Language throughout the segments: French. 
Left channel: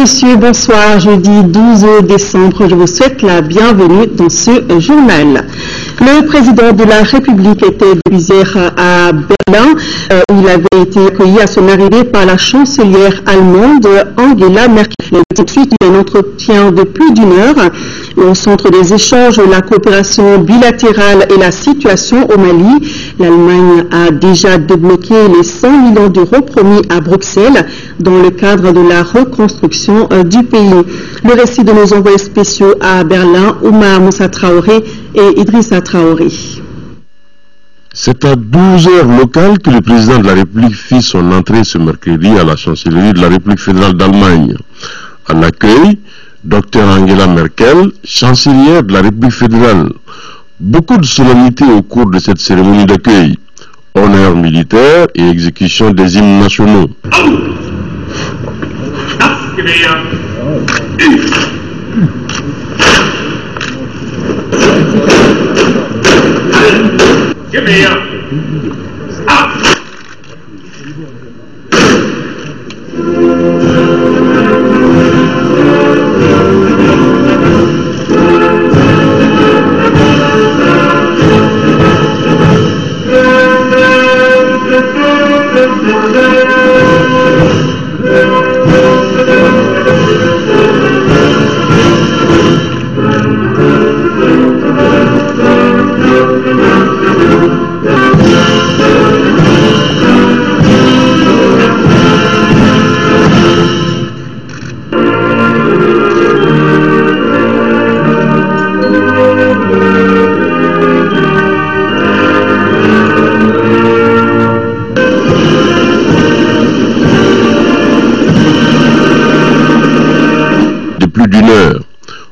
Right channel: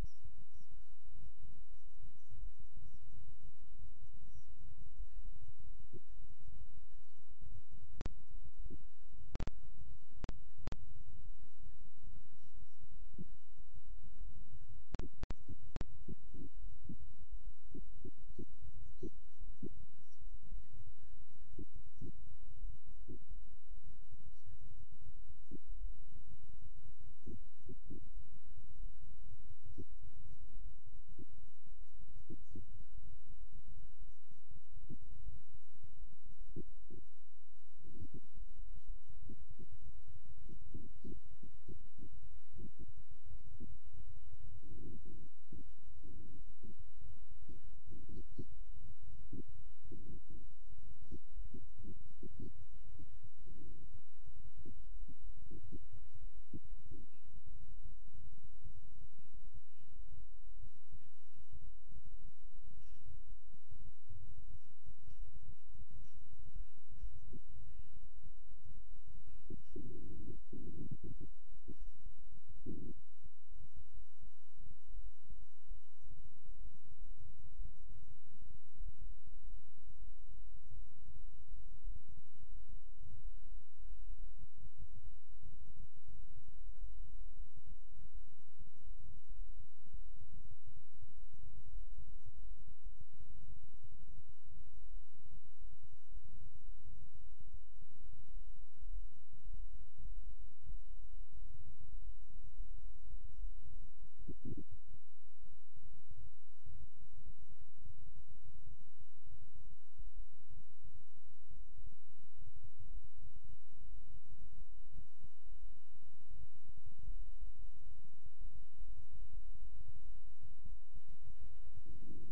messieurs, bonsoir. Jeudi 12 décembre, je vous souhaite la bienvenue dans ce journal. Le président de la République était depuis hier à Berlin, où il avait été accueilli à son arrivée par la chancelière allemande Angela Merkel. Tout de suite, un entretien de plus d'1 heure au centre des échanges, la coopération bilatérale et la situation au Mali. L'Allemagne a déjà débloqué les 100 millions d'euros promis à Bruxelles dans le cadre de la reconstruction du pays. Le récit de nos envoyés spéciaux à Berlin, Oumar Moussa Traoré et Idrissa Traoré. C'est à 12 heures locales que le président de la République fit son entrée ce mercredi à la chancellerie de la République fédérale d'Allemagne. À l'accueil, Dr Angela Merkel, chancelière de la République fédérale. Beaucoup de solennité au cours de cette cérémonie d'accueil. Honneurs militaires et exécution des hymnes nationaux.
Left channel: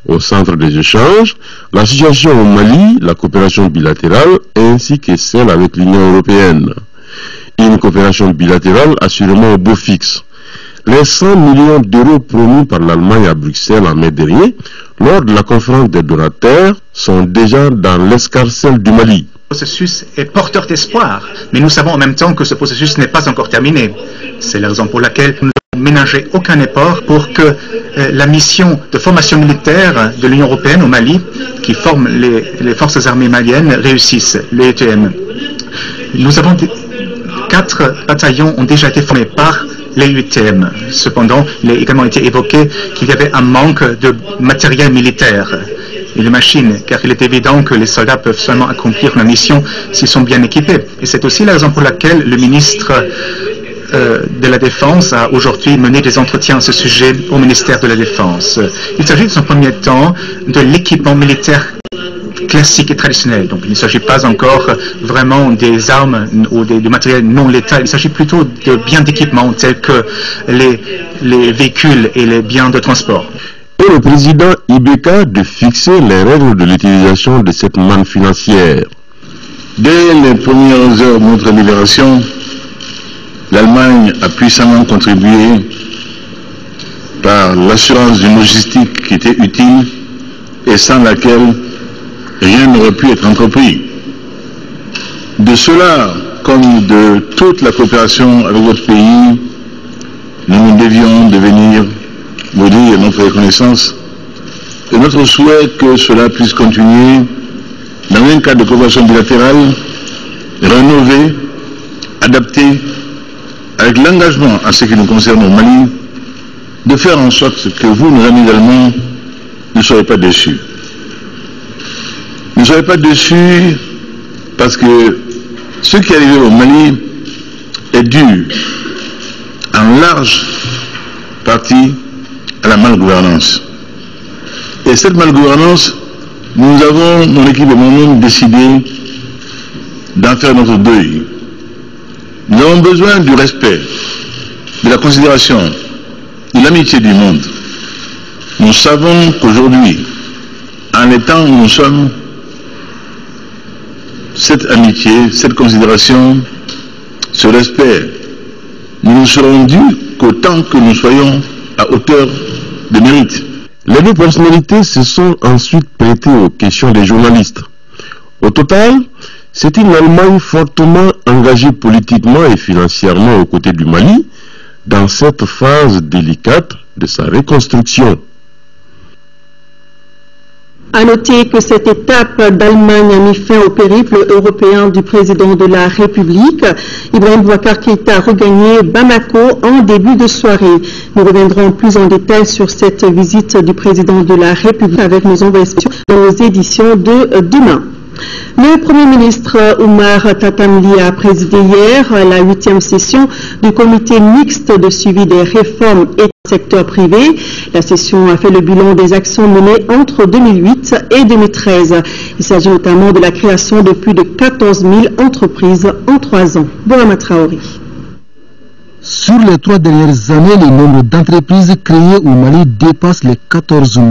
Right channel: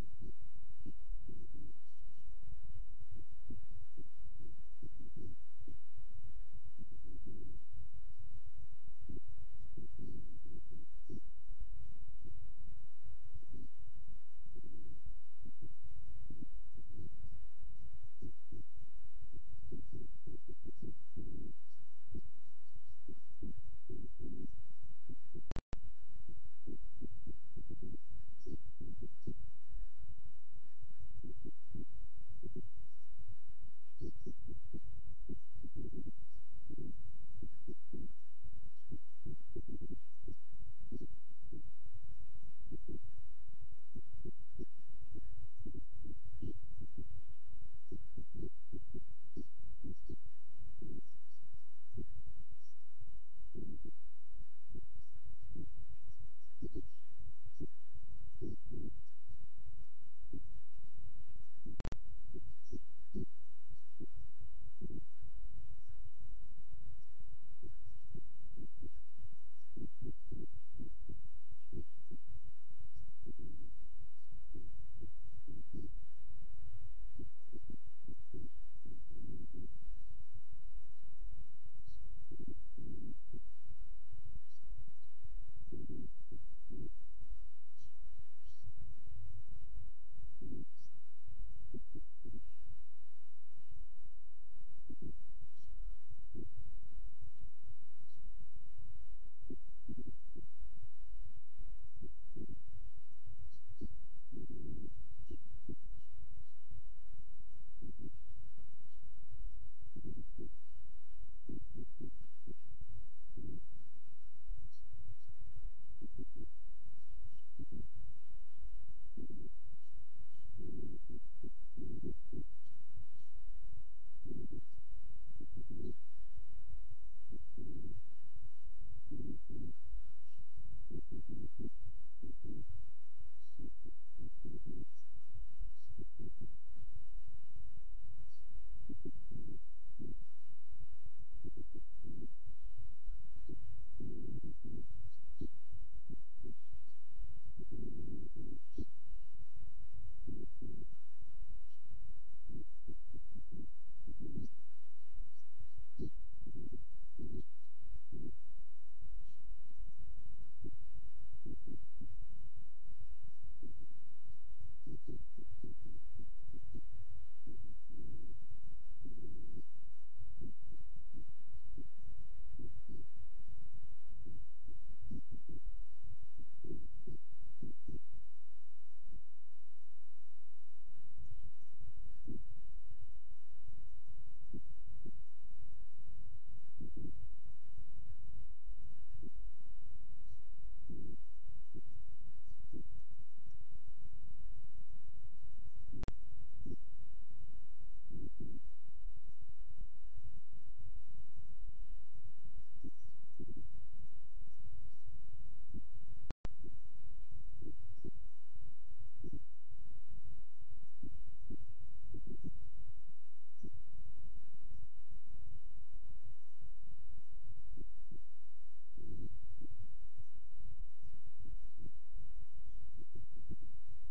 Au centre des échanges, la situation au Mali, la coopération bilatérale ainsi que celle avec l'Union européenne. Une coopération bilatérale assurément au beau fixe. Les 100 millions d'euros promis par l'Allemagne à Bruxelles en mai dernier, lors de la conférence des donateurs, sont déjà dans l'escarcelle du Mali. Le processus est porteur d'espoir, mais nous savons en même temps que ce processus n'est pas encore terminé. C'est la raison pour laquelle nous n'avons ménagé aucun effort pour que la mission de formation militaire de l'Union européenne au Mali, qui forme les forces armées maliennes, réussisse, le ETM. Nous avons 4 bataillons ont déjà été formés par les UTM. Cependant, il a également été évoqué qu'il y avait un manque de matériel militaire et de machines, car il est évident que les soldats peuvent seulement accomplir la mission s'ils sont bien équipés. Et c'est aussi la raison pour laquelle le ministre de la Défense a aujourd'hui mené des entretiens à ce sujet au ministère de la Défense. Il s'agit dans un premier temps de l'équipement militaire classique et traditionnel. Donc il ne s'agit pas encore vraiment des armes ou du matériel non létal. Il s'agit plutôt de biens d'équipement tels que les véhicules et les biens de transport. Et le président Ibeka de fixer les règles de l'utilisation de cette manne financière. Dès les premières heures de notre libération, l'Allemagne a puissamment contribué par l'assurance d'une logistique qui était utile et sans laquelle rien n'aurait pu être entrepris. De cela, comme de toute la coopération avec votre pays, nous devions devenir vous dire notre reconnaissance et notre souhait que cela puisse continuer dans un cadre de coopération bilatérale rénové, adapté, avec l'engagement à ce qui nous concerne au Mali, de faire en sorte que vous, nos amis allemands, ne soyez pas déçus. Ne soyez pas déçus parce que ce qui est arrivé au Mali est dû en large partie à la malgouvernance. Et cette malgouvernance, nous avons, mon équipe et moi-même, décidé d'en faire notre deuil. Nous avons besoin du respect, de la considération, de l'amitié du monde. Nous savons qu'aujourd'hui, en les temps où nous sommes, cette amitié, cette considération, ce respect, nous ne serons dus qu'autant que nous soyons à hauteur de mérite. Les deux personnalités se sont ensuite prêtées aux questions des journalistes. Au total, c'est une Allemagne fortement engagée politiquement et financièrement aux côtés du Mali dans cette phase délicate de sa reconstruction. À noter que cette étape d'Allemagne a mis fin au périple européen du président de la République. Ibrahim Boubacar Keïta a regagné Bamako en début de soirée. Nous reviendrons plus en détail sur cette visite du président de la République avec nos envoyés spéciaux dans nos éditions de demain. Le Premier ministre Oumar Tatamli a présidé hier la 8e session du comité mixte de suivi des réformes et du secteur privé. La session a fait le bilan des actions menées entre 2008 et 2013. Il s'agit notamment de la création de plus de 14 000 entreprises en 3 ans. Bourama Traoré. Sur les 3 dernières années, le nombre d'entreprises créées au Mali dépasse les 14 000.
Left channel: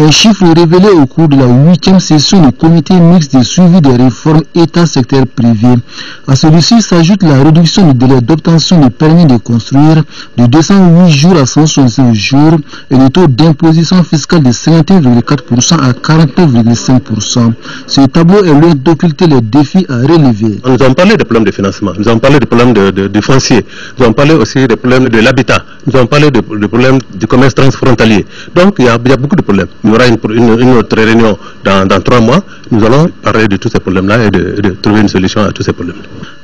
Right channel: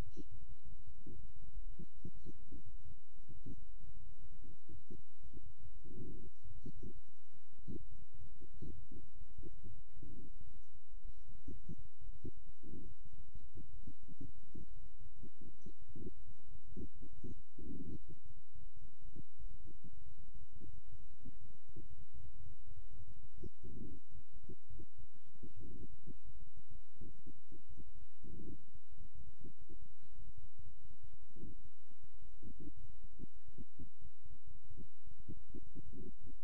Un chiffre révélé au cours de la 8e session du comité mixte de suivi des réformes État-secteur privé. À celui-ci s'ajoute la réduction du délai d'obtention du permis de construire de 208 jours à 165 jours et le taux d'imposition fiscale de 51,4% à 49,5%. Ce tableau est loin d'occulter les défis à relever. Nous avons parlé des problèmes de financement, nous avons parlé des problèmes de foncier, nous avons parlé aussi des problèmes de l'habitat, nous avons parlé des problèmes du commerce transfrontalier. Donc il y a beaucoup de problèmes. Il y aura une autre réunion dans 3 mois. Nous allons parler de tous ces problèmes-là et de trouver une solution à tous ces problèmes.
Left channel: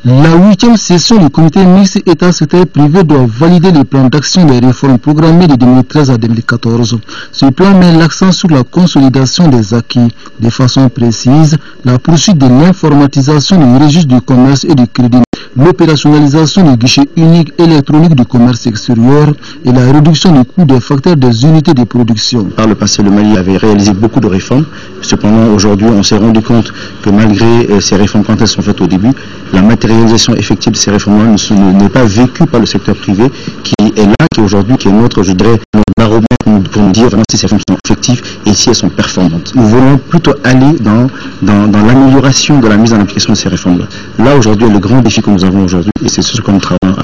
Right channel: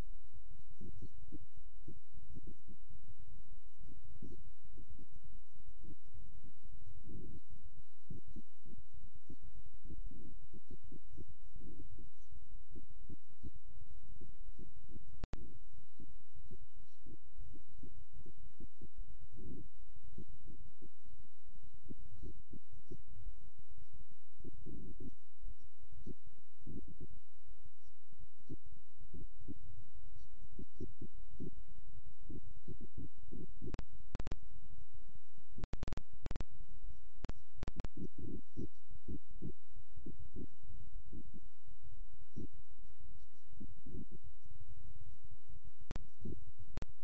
La 8e session du comité mixte État-secteur privé doit valider le plan d'action des réformes programmées de 2013 à 2014. Ce plan met l'accent sur la consolidation des acquis. De façon précise, la poursuite de l'informatisation du registre du commerce et du crédit, l'opérationnalisation du guichet unique électronique du commerce extérieur et la réduction du coût des facteurs des unités de production. Par le passé, le Mali avait réalisé beaucoup de réformes. Cependant, aujourd'hui, on s'est rendu compte que malgré ces réformes, quand elles sont faites au début, la matérialisation effective de ces réformes n'est pas vécue par le secteur privé, qui est là, qui aujourd'hui, qui est notre, je dirais, notre baromètre pour nous dire vraiment si ces réformes sont effectives et si elles sont performantes. Nous voulons plutôt aller dans l'amélioration de la mise en application de ces réformes-là. Là, aujourd'hui, le grand défi que nous avons aujourd'hui, et c'est ce que nous travaillons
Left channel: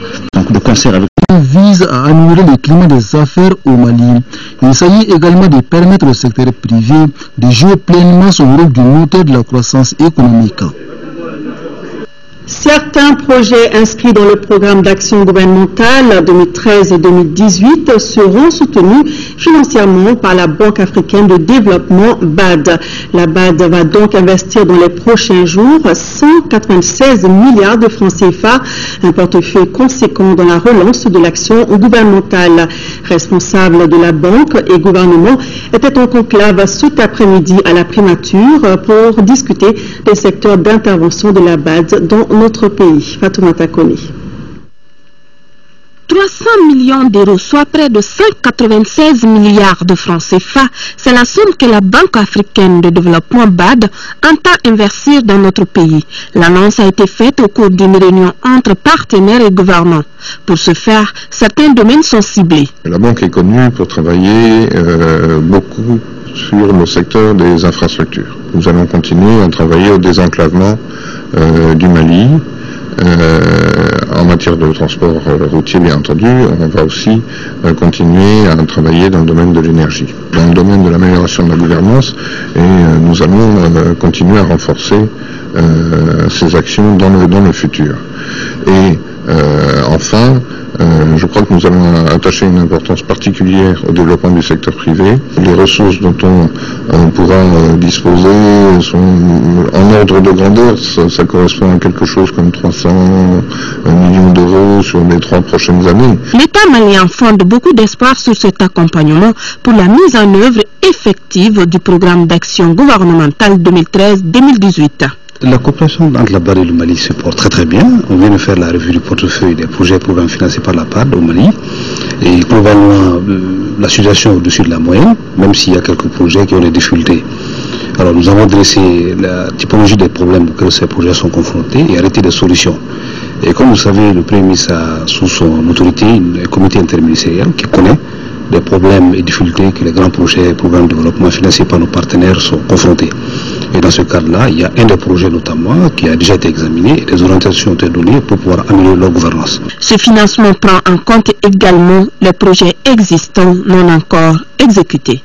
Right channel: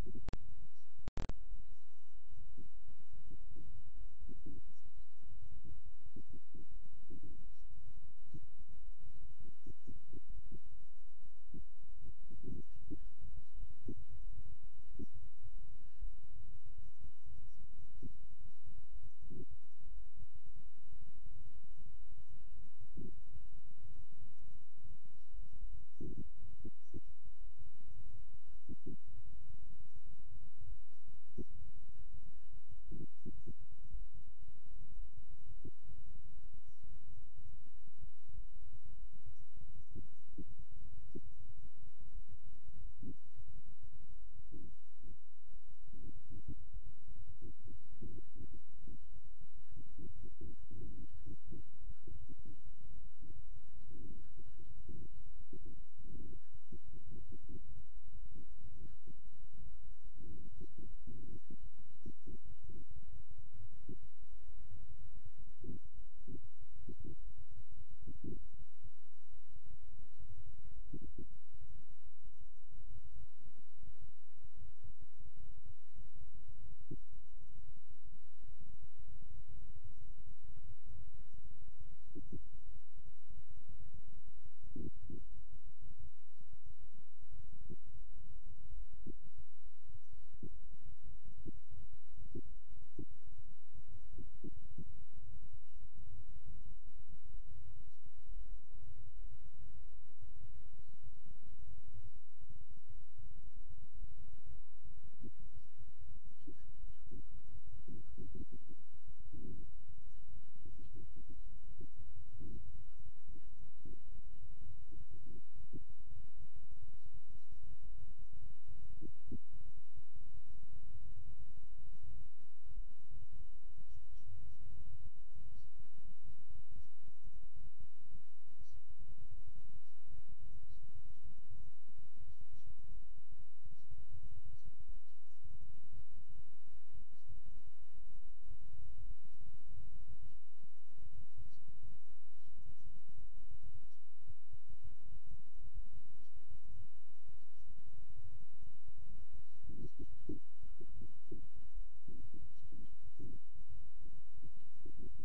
de concert avec vise à améliorer le climat des affaires au Mali. Il s'agit également de permettre au secteur privé de jouer pleinement son rôle de moteur de la croissance économique. Certains projets inscrits dans le programme d'action gouvernementale 2013-2018 seront soutenus financièrement par la Banque africaine de développement BAD. La BAD va donc investir dans les prochains jours 196 milliards de francs CFA, un portefeuille conséquent dans la relance de l'action gouvernementale. Responsables de la banque et gouvernement étaient en conclave cet après-midi à la primature pour discuter des secteurs d'intervention de la BAD dans notre pays. Fatoumata Kone. 300 millions d'euros, soit près de 196 milliards de francs CFA, c'est la somme que la Banque africaine de développement BAD entend investir dans notre pays. L'annonce a été faite au cours d'une réunion entre partenaires et gouvernants. Pour ce faire, certains domaines sont ciblés. La banque est connue pour travailler beaucoup sur le secteur des infrastructures. Nous allons continuer à travailler au désenclavement du Mali. En matière de transport routier, bien entendu, on va aussi continuer à travailler dans le domaine de l'énergie, dans le domaine de l'amélioration de la gouvernance, et nous allons continuer à renforcer ces actions dans le futur. Et enfin, je crois que nous allons attacher une importance particulière au développement du secteur privé. Les ressources dont on pourra disposer sont en ordre de grandeur, ça correspond à quelque chose comme 300 millions d'euros sur les 3 prochaines années. L'État malien fonde beaucoup d'espoir sur cet accompagnement pour la mise en œuvre effective du programme d'action gouvernementale 2013-2018. La coopération entre la BAD et le Mali se porte très très bien. On vient de faire la revue du portefeuille des projets et programmes financés par la BAD au Mali. Et globalement, la situation est au-dessus de la moyenne, même s'il y a quelques projets qui ont des difficultés. Alors nous avons dressé la typologie des problèmes auxquels ces projets sont confrontés et arrêté des solutions. Et comme vous savez, le Premier ministre a sous son autorité un comité interministériel qui connaît des problèmes et difficultés que les grands projets et programmes de développement financés par nos partenaires sont confrontés. Et dans ce cadre-là, il y a un des projets notamment qui a déjà été examiné et des orientations ont été données pour pouvoir améliorer leur gouvernance. Ce financement prend en compte également les projets existants non encore exécutés.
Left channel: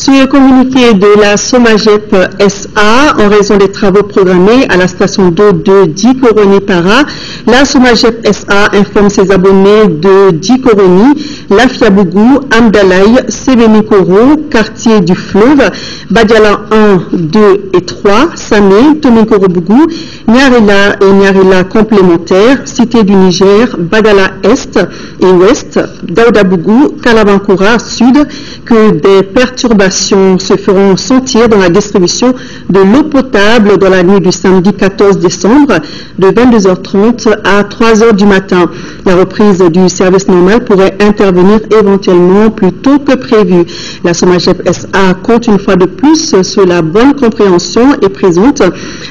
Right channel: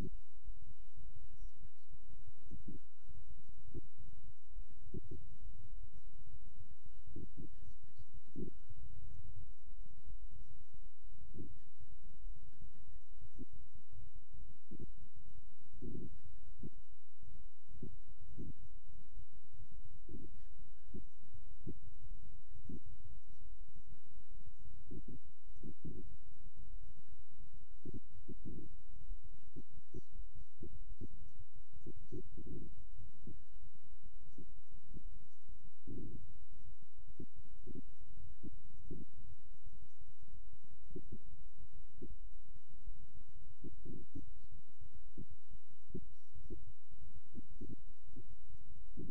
Sur le communiqué de la Somagep SA, en raison des travaux programmés à la station d'eau de Dikoroni-Para, la Somagep SA informe ses abonnés de Dikoroni, Lafiabougou, Amdalaï, Sébenikoro, quartier du fleuve, Badiala 1, 2 et 3, Samé, Tomikoro-Bougou, Nyarila et Nyarila complémentaires, Cité du Niger, Badala Est et Ouest, Daoudabougou, Kalabankura Sud, que des perturbations se feront sentir dans la distribution de l'eau potable dans la nuit du samedi 14 décembre de 22h30 à 3h du matin. La reprise du service normal pourrait intervenir éventuellement plus tôt que prévu. La Somagep SA compte une fois de plus sur la bonne compréhension et présente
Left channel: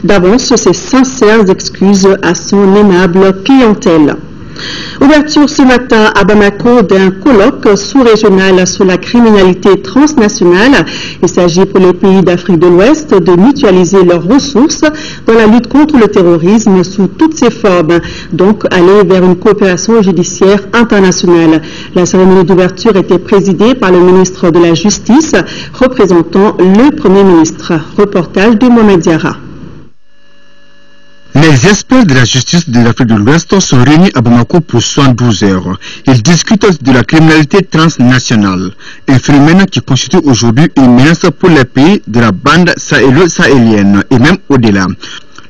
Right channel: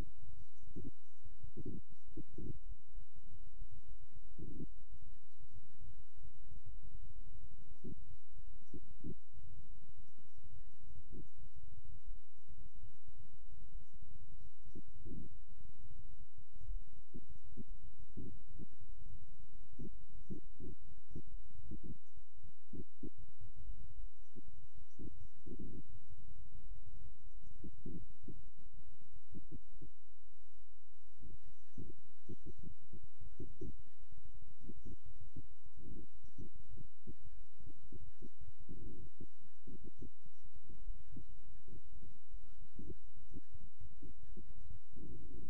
d'avance ses sincères excuses à son aimable clientèle. Ouverture ce matin à Bamako d'un colloque sous-régional sur la criminalité transnationale. Il s'agit pour les pays d'Afrique de l'Ouest de mutualiser leurs ressources dans la lutte contre le terrorisme sous toutes ses formes, donc aller vers une coopération judiciaire internationale. La cérémonie d'ouverture était présidée par le ministre de la Justice, représentant le Premier ministre. Reportage de Mohamed Diarra. Les experts de la justice de l'Afrique de l'Ouest sont réunis à Bamako pour 72 heures. Ils discutent de la criminalité transnationale, un phénomène qui constitue aujourd'hui une menace pour les pays de la bande sahélo-sahélienne et même au-delà.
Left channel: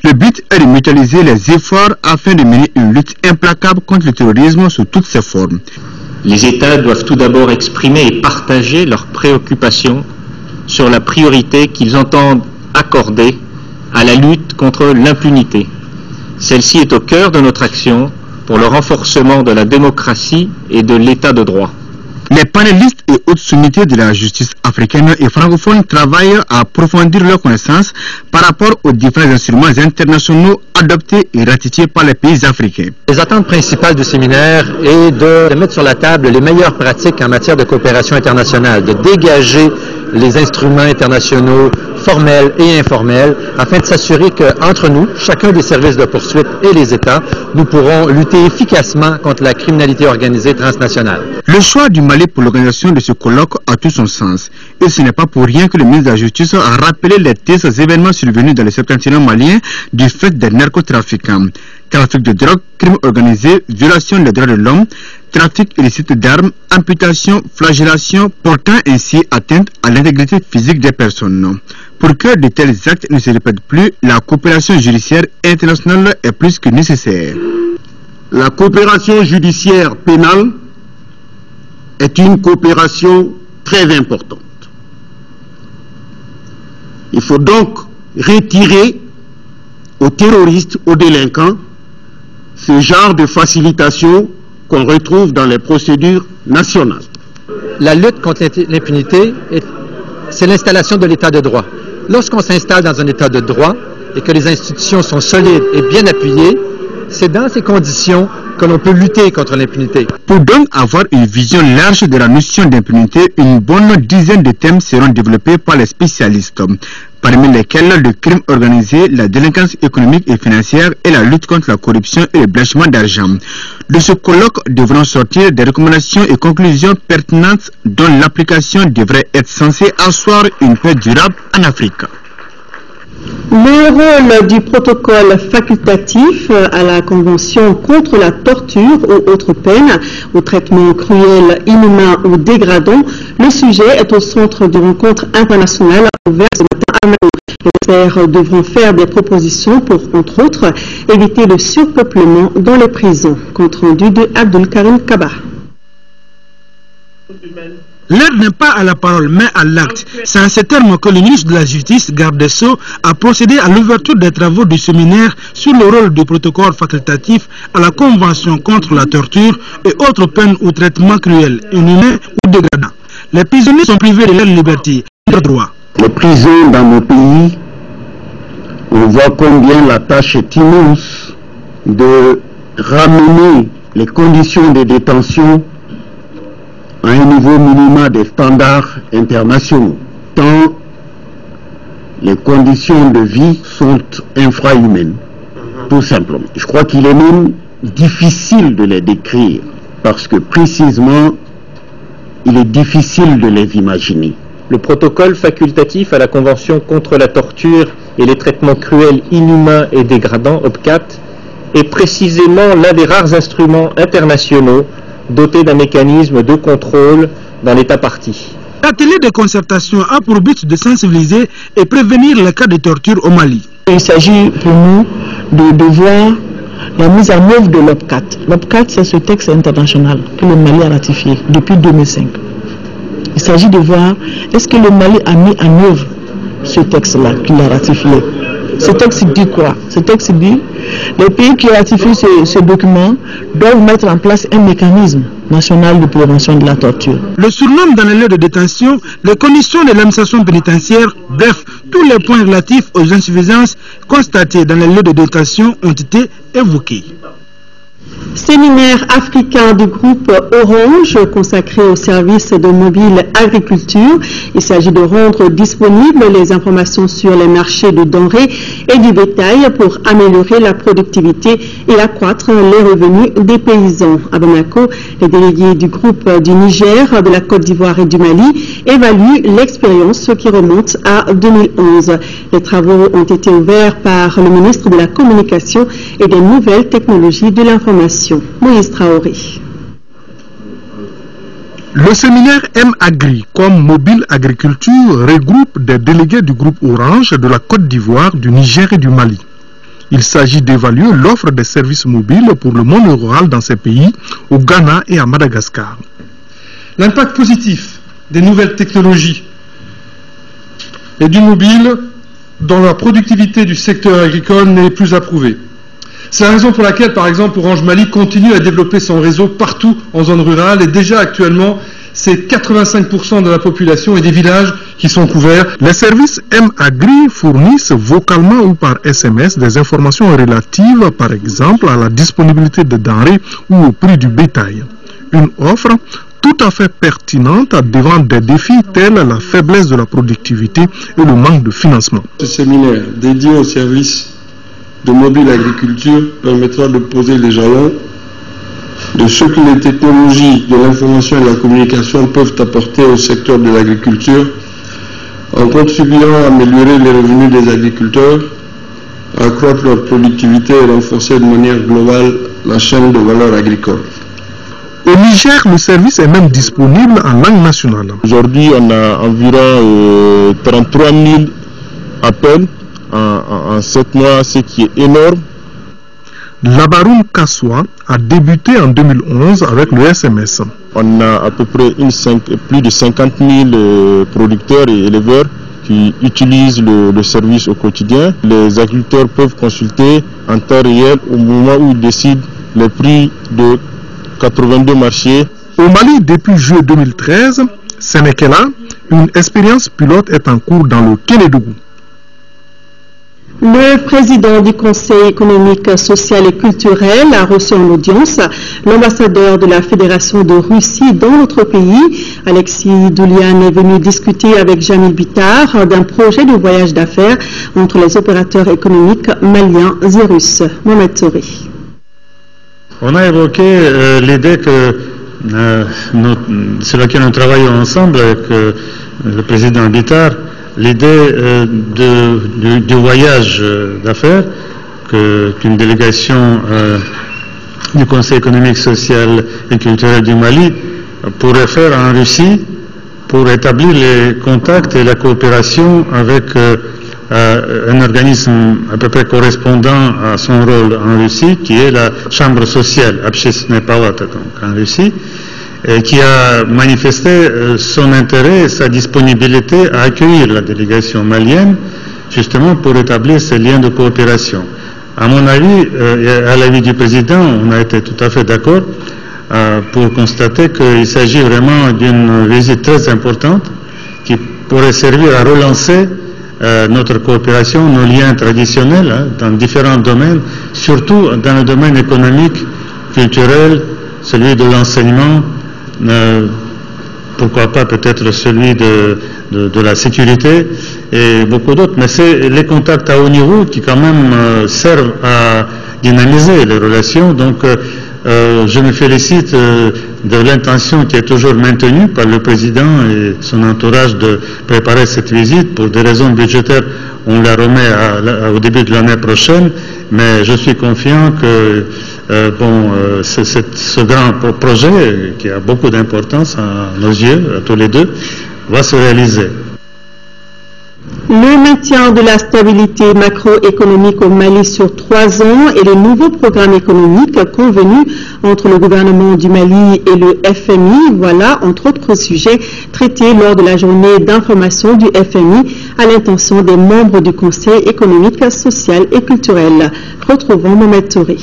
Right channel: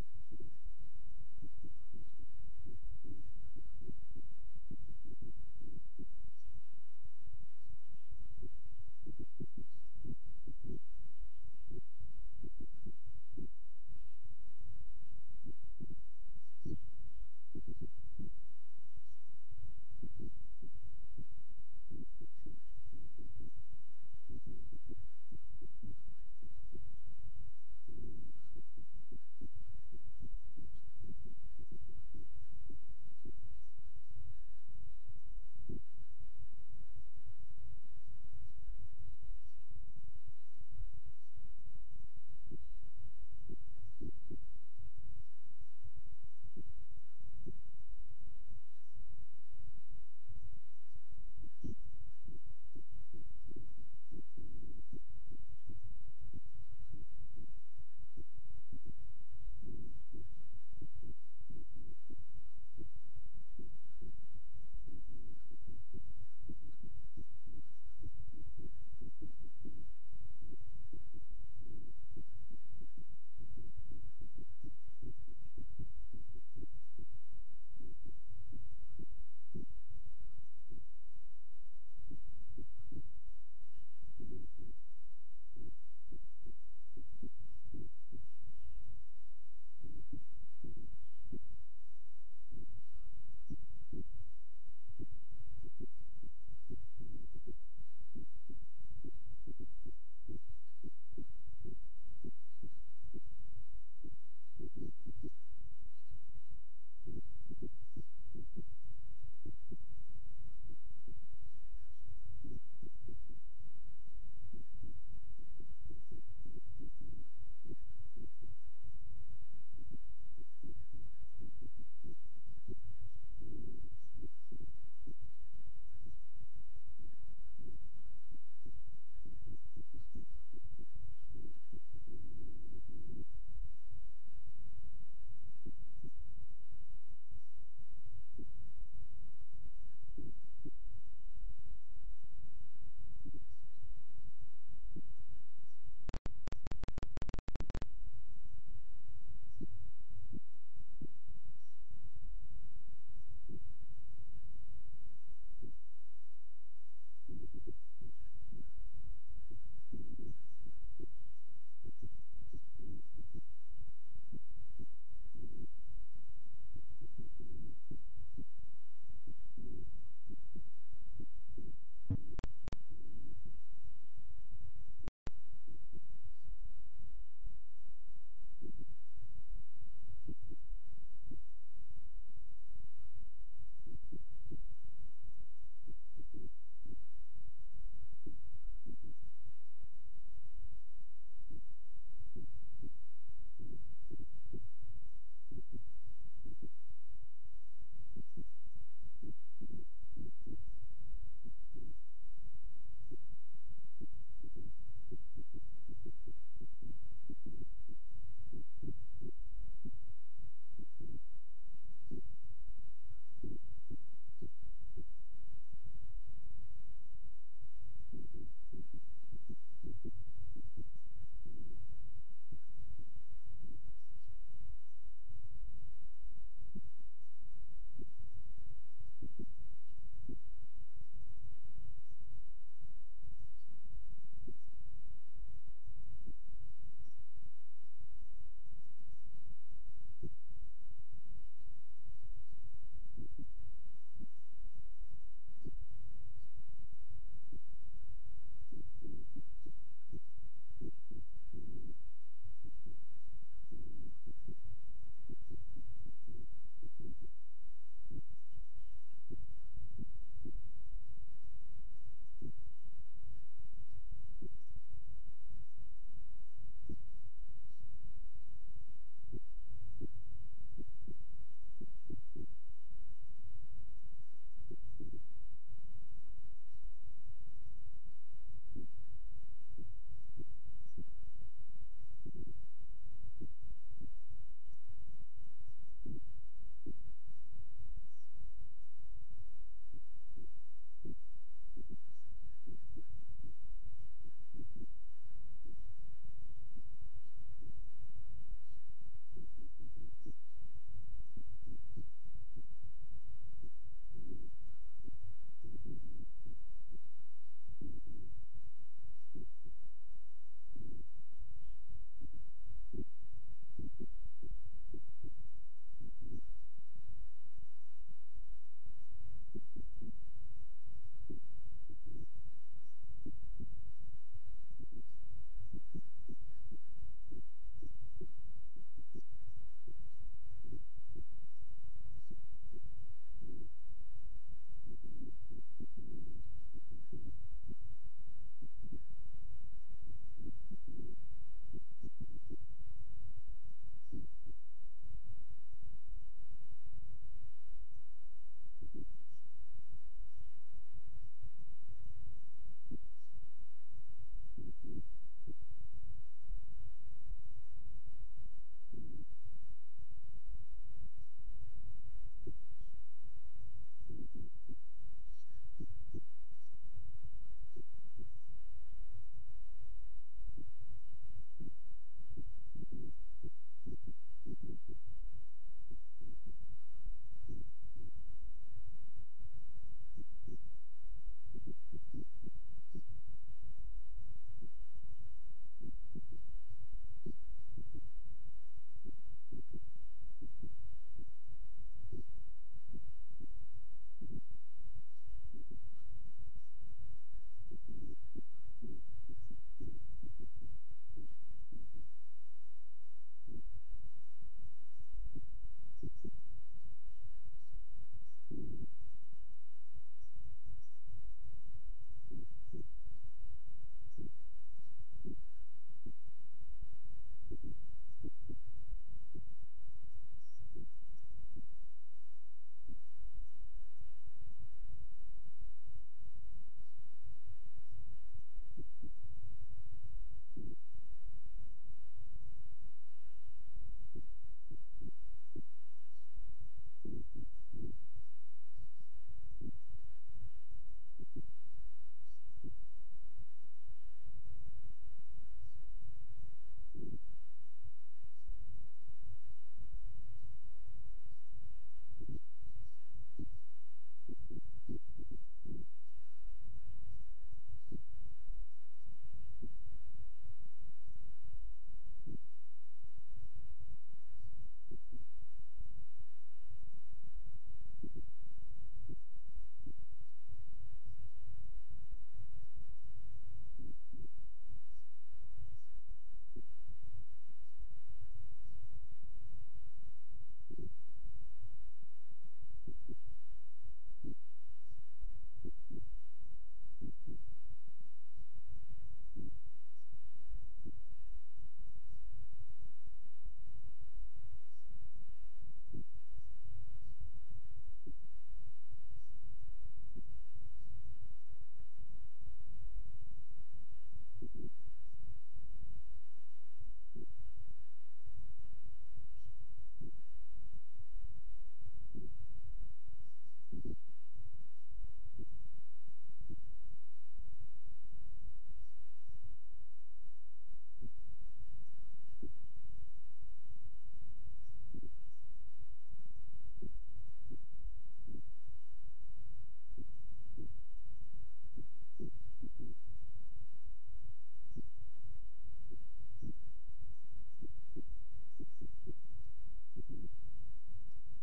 Le but est de mutualiser les efforts afin de mener une lutte implacable contre le terrorisme sous toutes ses formes. Les États doivent tout d'abord exprimer et partager leurs préoccupations sur la priorité qu'ils entendent accorder à la lutte contre l'impunité. Celle-ci est au cœur de notre action pour le renforcement de la démocratie et de l'état de droit. Les panélistes et hautes sommités de la justice africaine et francophone travaillent à approfondir leurs connaissances par rapport aux différents instruments internationaux adoptés et ratifiés par les pays africains. Les attentes principales du séminaire est de mettre sur la table les meilleures pratiques en matière de coopération internationale, de dégager les instruments internationaux formels et informels, afin de s'assurer qu'entre nous, chacun des services de poursuite et les États, nous pourrons lutter efficacement contre la criminalité organisée transnationale. Le choix du Mali pour l'organisation de ce colloque a tout son sens. Et ce n'est pas pour rien que le ministre de la Justice a rappelé les tristes événements survenus dans le septentrion malien du fait des narcotrafiquants. Trafic de drogue, crime organisé, violation des droits de l'homme, trafic illicite d'armes, amputation, flagellation, portant ainsi atteinte à l'intégrité physique des personnes. Pour que de tels actes ne se répètent plus, la coopération judiciaire internationale est plus que nécessaire. La coopération judiciaire pénale est une coopération très importante. Il faut donc retirer aux terroristes, aux délinquants, ce genre de facilitation qu'on retrouve dans les procédures nationales. La lutte contre l'impunité, c'est l'installation de l'état de droit. Lorsqu'on s'installe dans un état de droit et que les institutions sont solides et bien appuyées, c'est dans ces conditions que l'on peut lutter contre l'impunité. Pour donc avoir une vision large de la notion d'impunité, une bonne dizaine de thèmes seront développés par les spécialistes, parmi lesquels le crime organisé, la délinquance économique et financière et la lutte contre la corruption et le blanchiment d'argent. De ce colloque devront sortir des recommandations et conclusions pertinentes dont l'application devrait être censée asseoir une paix durable en Afrique. Le rôle du protocole facultatif à la Convention contre la torture ou autres peines, au traitement cruel, inhumain ou dégradant, le sujet est au centre de rencontres internationales ouvertes ce matin à Mali. Les experts devront faire des propositions pour, entre autres, éviter le surpeuplement dans les prisons. Compte rendu de Abdul Karim Kaba. L'heure n'est pas à la parole, mais à l'acte. C'est à ce terme que le ministre de la Justice, garde des Sceaux, a procédé à l'ouverture des travaux du séminaire sur le rôle du protocole facultatif à la Convention contre la torture et autres peines ou traitements cruels, inhumains ou dégradants. Les prisonniers sont privés de leur liberté et de leurs droits. Les prisons dans nos pays, on voit combien la tâche est immense de ramener les conditions de détention à un niveau minimum des standards internationaux, tant les conditions de vie sont infrahumaines, tout simplement. Je crois qu'il est même difficile de les décrire, parce que précisément, il est difficile de les imaginer. le protocole facultatif à la Convention contre la torture et les traitements cruels, inhumains et dégradants, OPCAT, est précisément l'un des rares instruments internationaux dotés d'un mécanisme de contrôle dans l'État partie. L'atelier de concertation a pour but de sensibiliser et prévenir les cas de torture au Mali. Il s'agit pour nous de voir la mise en œuvre de l'OPCAT. L'OPCAT, c'est ce texte international que le Mali a ratifié depuis 2005. Il s'agit de voir est-ce que le Mali a mis en œuvre ce texte-là qu'il a ratifié. Ce texte dit quoi? Ce texte dit les pays qui ratifient ce document doivent mettre en place un mécanisme national de prévention de la torture. Le surnom dans les lieux de détention, les conditions de l'administration pénitentiaire, bref, tous les points relatifs aux insuffisances constatées dans les lieux de détention ont été évoqués. Séminaire africain du groupe Orange consacré au service de mobile agriculture. Il s'agit de rendre disponibles les informations sur les marchés de denrées et du bétail pour améliorer la productivité et accroître les revenus des paysans. À Bamako, les délégués du groupe du Niger, de la Côte d'Ivoire et du Mali évaluent l'expérience qui remonte à 2011. Les travaux ont été ouverts par le ministre de la Communication et des Nouvelles Technologies de l'Information. Moïse Traoré. Le séminaire M-Agri comme mobile agriculture regroupe des délégués du groupe Orange de la Côte d'Ivoire, du Niger et du Mali. Il s'agit d'évaluer l'offre des services mobiles pour le monde rural dans ces pays, au Ghana et à Madagascar. L'impact positif des nouvelles technologies et du mobile dans la productivité du secteur agricole n'est plus à prouver. C'est la raison pour laquelle, par exemple, Orange Mali continue à développer son réseau partout en zone rurale et déjà actuellement, c'est 85% de la population et des villages qui sont couverts. Les services M-Agri fournissent vocalement ou par SMS des informations relatives, par exemple, à la disponibilité de denrées ou au prix du bétail. Une offre tout à fait pertinente devant des défis tels la faiblesse de la productivité et le manque de financement. Ce séminaire dédié aux services de mobile agriculture permettra de poser les jalons de ce que les technologies de l'information et de la communication peuvent apporter au secteur de l'agriculture en contribuant à améliorer les revenus des agriculteurs, à accroître leur productivité et renforcer de manière globale la chaîne de valeur agricole. Au Niger, le service est même disponible en langue nationale. Aujourd'hui, on a environ 33 000 appels en 7 mois, ce qui est énorme. Labaroun Kassoua a débuté en 2011 avec le SMS. On a à peu près plus de 50 000 producteurs et éleveurs qui utilisent le service au quotidien. Les agriculteurs peuvent consulter en temps réel au moment où ils décident les prix de 82 marchés. Au Mali, depuis juillet 2013, ce n'est que là, une expérience pilote est en cours dans le Kénédougou. Le président du Conseil économique, social et culturel a reçu en audience l'ambassadeur de la Fédération de Russie dans notre pays. Alexis Doulian est venu discuter avec Jamil Bitar d'un projet de voyage d'affaires entre les opérateurs économiques maliens et russes. Mohamed Touri. On a évoqué l'idée que sur laquelle nous travaillons ensemble avec le président Bitar, l'idée du voyage d'affaires qu'une délégation du Conseil économique, social et culturel du Mali pourrait faire en Russie pour établir les contacts et la coopération avec un organisme à peu près correspondant à son rôle en Russie, qui est la Chambre sociale, Общественная палата, donc en Russie, qui a manifesté son intérêt et sa disponibilité à accueillir la délégation malienne, justement pour établir ces liens de coopération. À mon avis, et à l'avis du président, on a été tout à fait d'accord pour constater qu'il s'agit vraiment d'une visite très importante qui pourrait servir à relancer notre coopération, nos liens traditionnels dans différents domaines, surtout dans le domaine économique, culturel, celui de l'enseignement, pourquoi pas peut-être celui de la sécurité et beaucoup d'autres, mais c'est les contacts à haut niveau qui quand même servent à dynamiser les relations. Donc je me félicite de l'intention qui est toujours maintenue par le président et son entourage de préparer cette visite. Pour des raisons budgétaires, on la remet au début de l'année prochaine, mais je suis confiant que ce grand projet, qui a beaucoup d'importance à nos yeux, à tous les deux, va se réaliser. Le maintien de la stabilité macroéconomique au Mali sur 3 ans et le nouveau programme économique convenu entre le gouvernement du Mali et le FMI, voilà entre autres sujets traités lors de la journée d'information du FMI à l'intention des membres du Conseil économique, social et culturel. Retrouvons Mohamed Touré.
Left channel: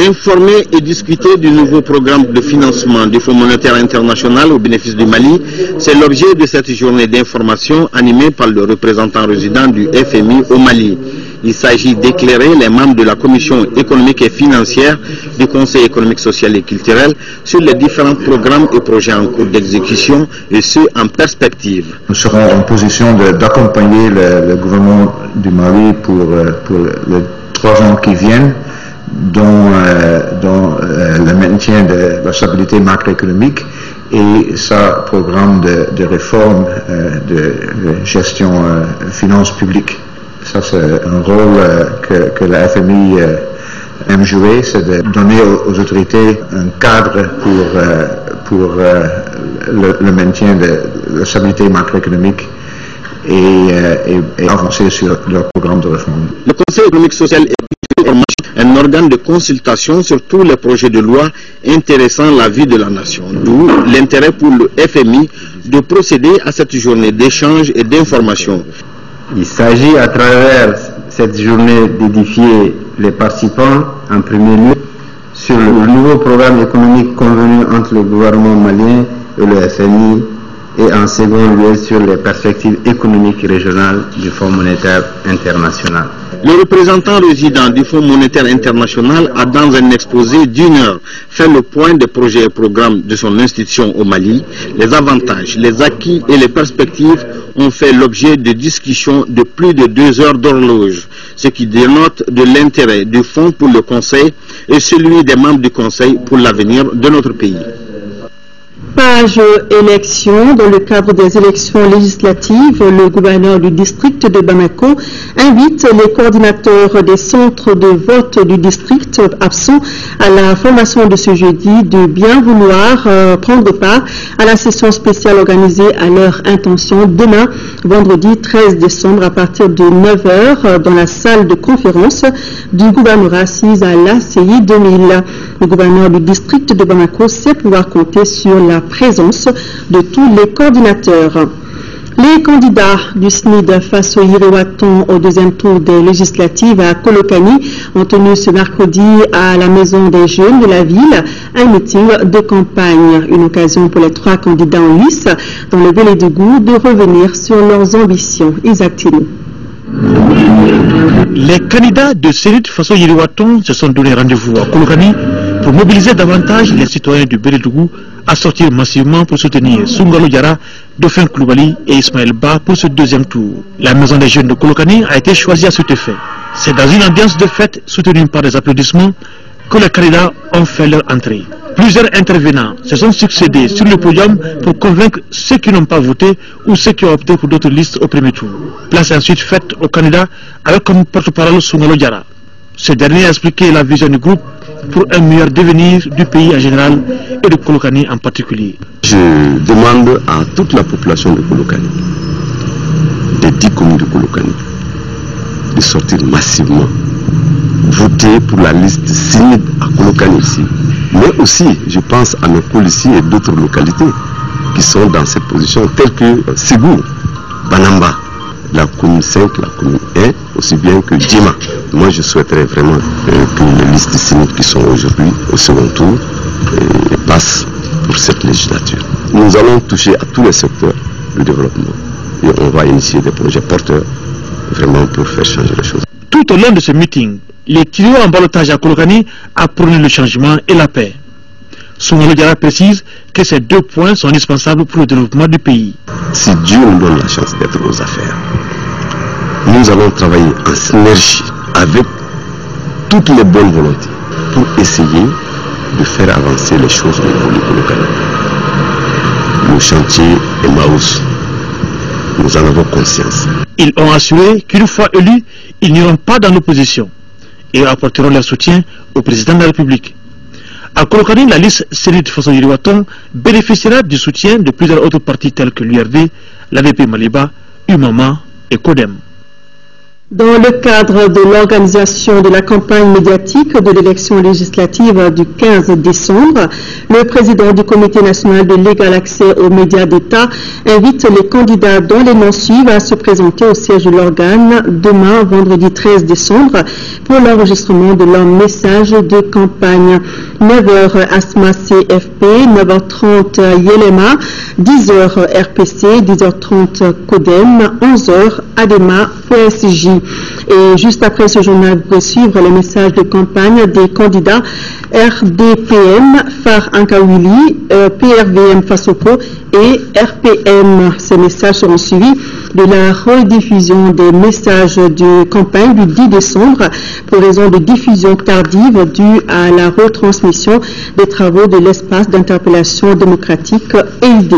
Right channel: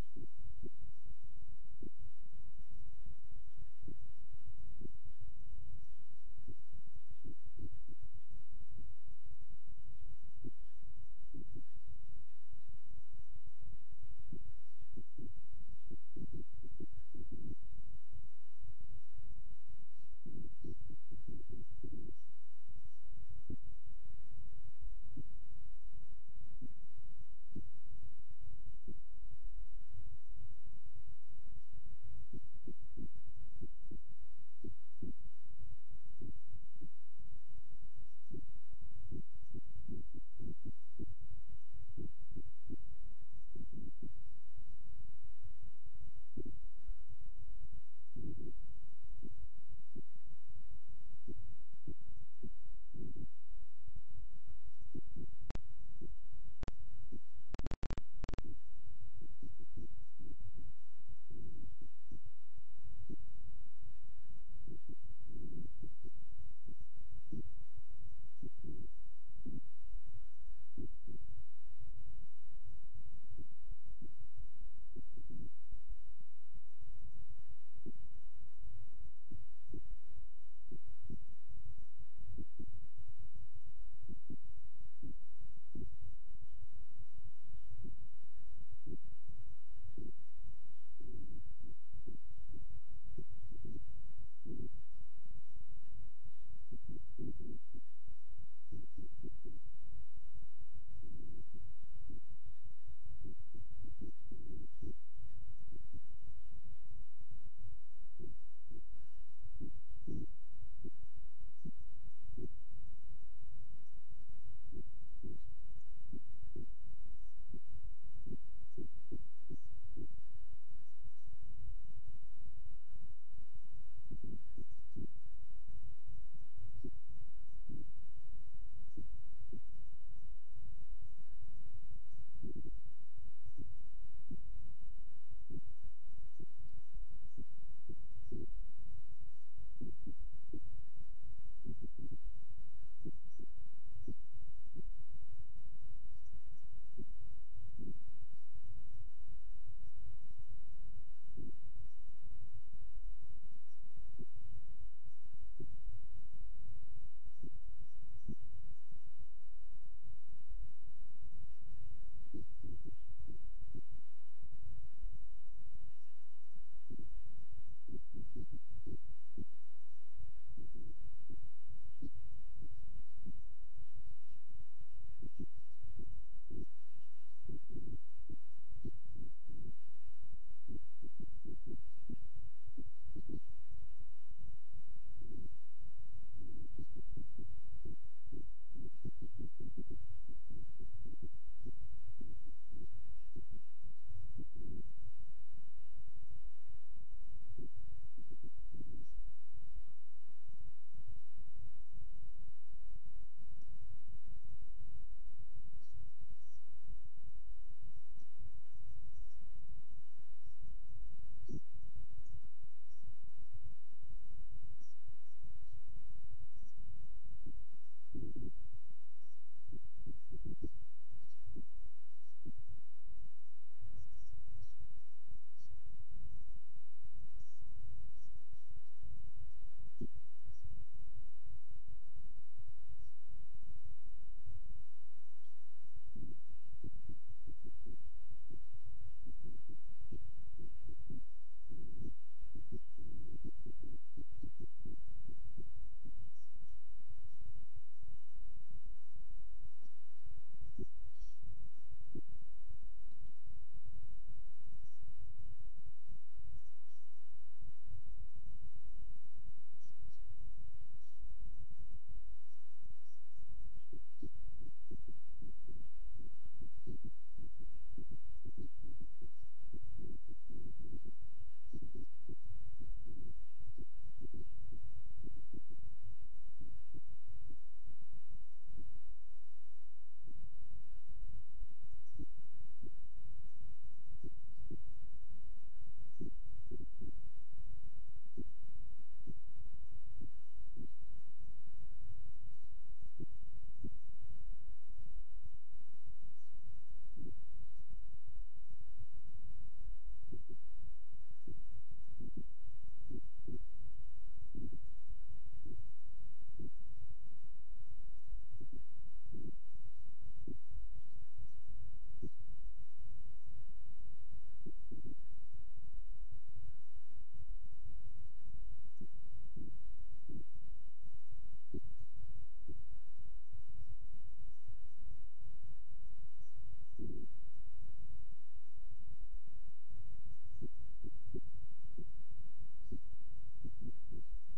Informer et discuter du nouveau programme de financement du Fonds monétaire international au bénéfice du Mali, c'est l'objet de cette journée d'information animée par le représentant résident du FMI au Mali. Il s'agit d'éclairer les membres de la Commission économique et financière du Conseil économique, social et culturel sur les différents programmes et projets en cours d'exécution et ceux en perspective. Nous serons en position d'accompagner le gouvernement du Mali pour les 3 ans qui viennent, dont le maintien de la stabilité macroéconomique et sa programme de réforme de gestion finances publiques. Ça, c'est un rôle que la FMI aime jouer, c'est de donner aux autorités un cadre pour le maintien de la stabilité macroéconomique et avancer sur leur programme de réforme. Le Conseil économique, social et culturel est un organe de consultation sur tous les projets de loi intéressant la vie de la nation, d'où l'intérêt pour le FMI de procéder à cette journée d'échange et d'information. Il s'agit à travers cette journée d'édifier les participants en premier lieu sur le nouveau programme économique convenu entre le gouvernement malien et le FMI et en second lieu sur les perspectives économiques régionales du Fonds monétaire international. Le représentant résident du Fonds monétaire international a dans un exposé d'1 heure fait le point des projets et programmes de son institution au Mali. Les avantages, les acquis et les perspectives ont fait l'objet de discussions de plus de 2 heures d'horloge, ce qui dénote de l'intérêt du Fonds pour le Conseil et celui des membres du Conseil pour l'avenir de notre pays. Page élections. Dans le cadre des élections législatives, le gouverneur du district de Bamako invite les coordinateurs des centres de vote du district absents à la formation de ce jeudi de bien vouloir prendre part à la session spéciale organisée à leur intention demain, vendredi 13 décembre à partir de 9h dans la salle de conférence du gouvernorat assise à l'ACI 2000. Le gouverneur du district de Bamako sait pouvoir compter sur la présence de tous les coordinateurs. Les candidats du SNID face au Yiriwaton au 2e tour des législatives à Kolokani ont tenu ce mercredi à la Maison des Jeunes de la ville un meeting de campagne. Une occasion pour les 3 candidats en lice dans le Vélédougou de revenir sur leurs ambitions. Isaac Tino. Les candidats de SNID face au Yiriwaton se sont donné rendez-vous à Kolokani pour mobiliser davantage les citoyens du Vélédougou à sortir massivement pour soutenir Soungalo Diarra, Dauphin Koulibaly et Ismaël Ba pour ce 2e tour. La maison des jeunes de Kolokani a été choisie à cet effet. C'est dans une ambiance de fête soutenue par des applaudissements que les candidats ont fait leur entrée. Plusieurs intervenants se sont succédés sur le podium pour convaincre ceux qui n'ont pas voté ou ceux qui ont opté pour d'autres listes au premier tour. Place ensuite faite aux candidats avec comme porte-parole Soungalo Diarra. Ce dernier a expliqué la vision du groupe pour un meilleur devenir du pays en général et de Kolokani en particulier. Je demande à toute la population de Kolokani, des 10 communes de Kolokani, de sortir massivement, voter pour la liste SNID à Kolokani ici. Mais aussi, je pense à nos policiers et d'autres localités qui sont dans cette position, telles que Ségou, Banamba, la commune 5, la commune 1, aussi bien que Djima. Moi, je souhaiterais vraiment que les listes SNID qui sont aujourd'hui au second tour passent pour cette législature. Nous allons toucher à tous les secteurs du développement et on va initier des projets porteurs vraiment pour faire changer les choses. Tout au long de ce meeting, les trios en ballotage à Kolokani a prôné le changement et la paix. Soungalo Diarra précise que ces 2 points sont indispensables pour le développement du pays. Si Dieu nous donne la chance d'être aux affaires, nous allons travailler en synergie avec toutes les bonnes volontés pour essayer de faire avancer les choses au niveau du Kolokani. Le chantier Emmaüs, nous en avons conscience. Ils ont assuré qu'une fois élus, ils n'iront pas dans l'opposition et apporteront leur soutien au président de la République. À Kolokani, la liste Sénit Faso Yiriwaton bénéficiera du soutien de plusieurs autres partis tels que l'URD, l'AVP Maliba, UMAMA et CODEM. Dans le cadre de l'organisation de la campagne médiatique de l'élection législative du 15 décembre, le président du Comité national de l'égal accès aux médias d'État invite les candidats dont les noms suivent à se présenter au siège de l'organe demain, vendredi 13 décembre, pour l'enregistrement de leur message de campagne. 9h Asma CFP, 9h30 Yelema, 10h RPC, 10h30 CODEM, 11h ADEMA PSJ. Et juste après ce journal, vous pouvez suivre les messages de campagne des candidats RDPM, FAR Ankawili, PRVM Fasoko et RPM. Ces messages seront suivis de la rediffusion des messages de campagne du 10 décembre pour raison de diffusion tardive due à la retransmission des travaux de l'espace d'interpellation démocratique EID.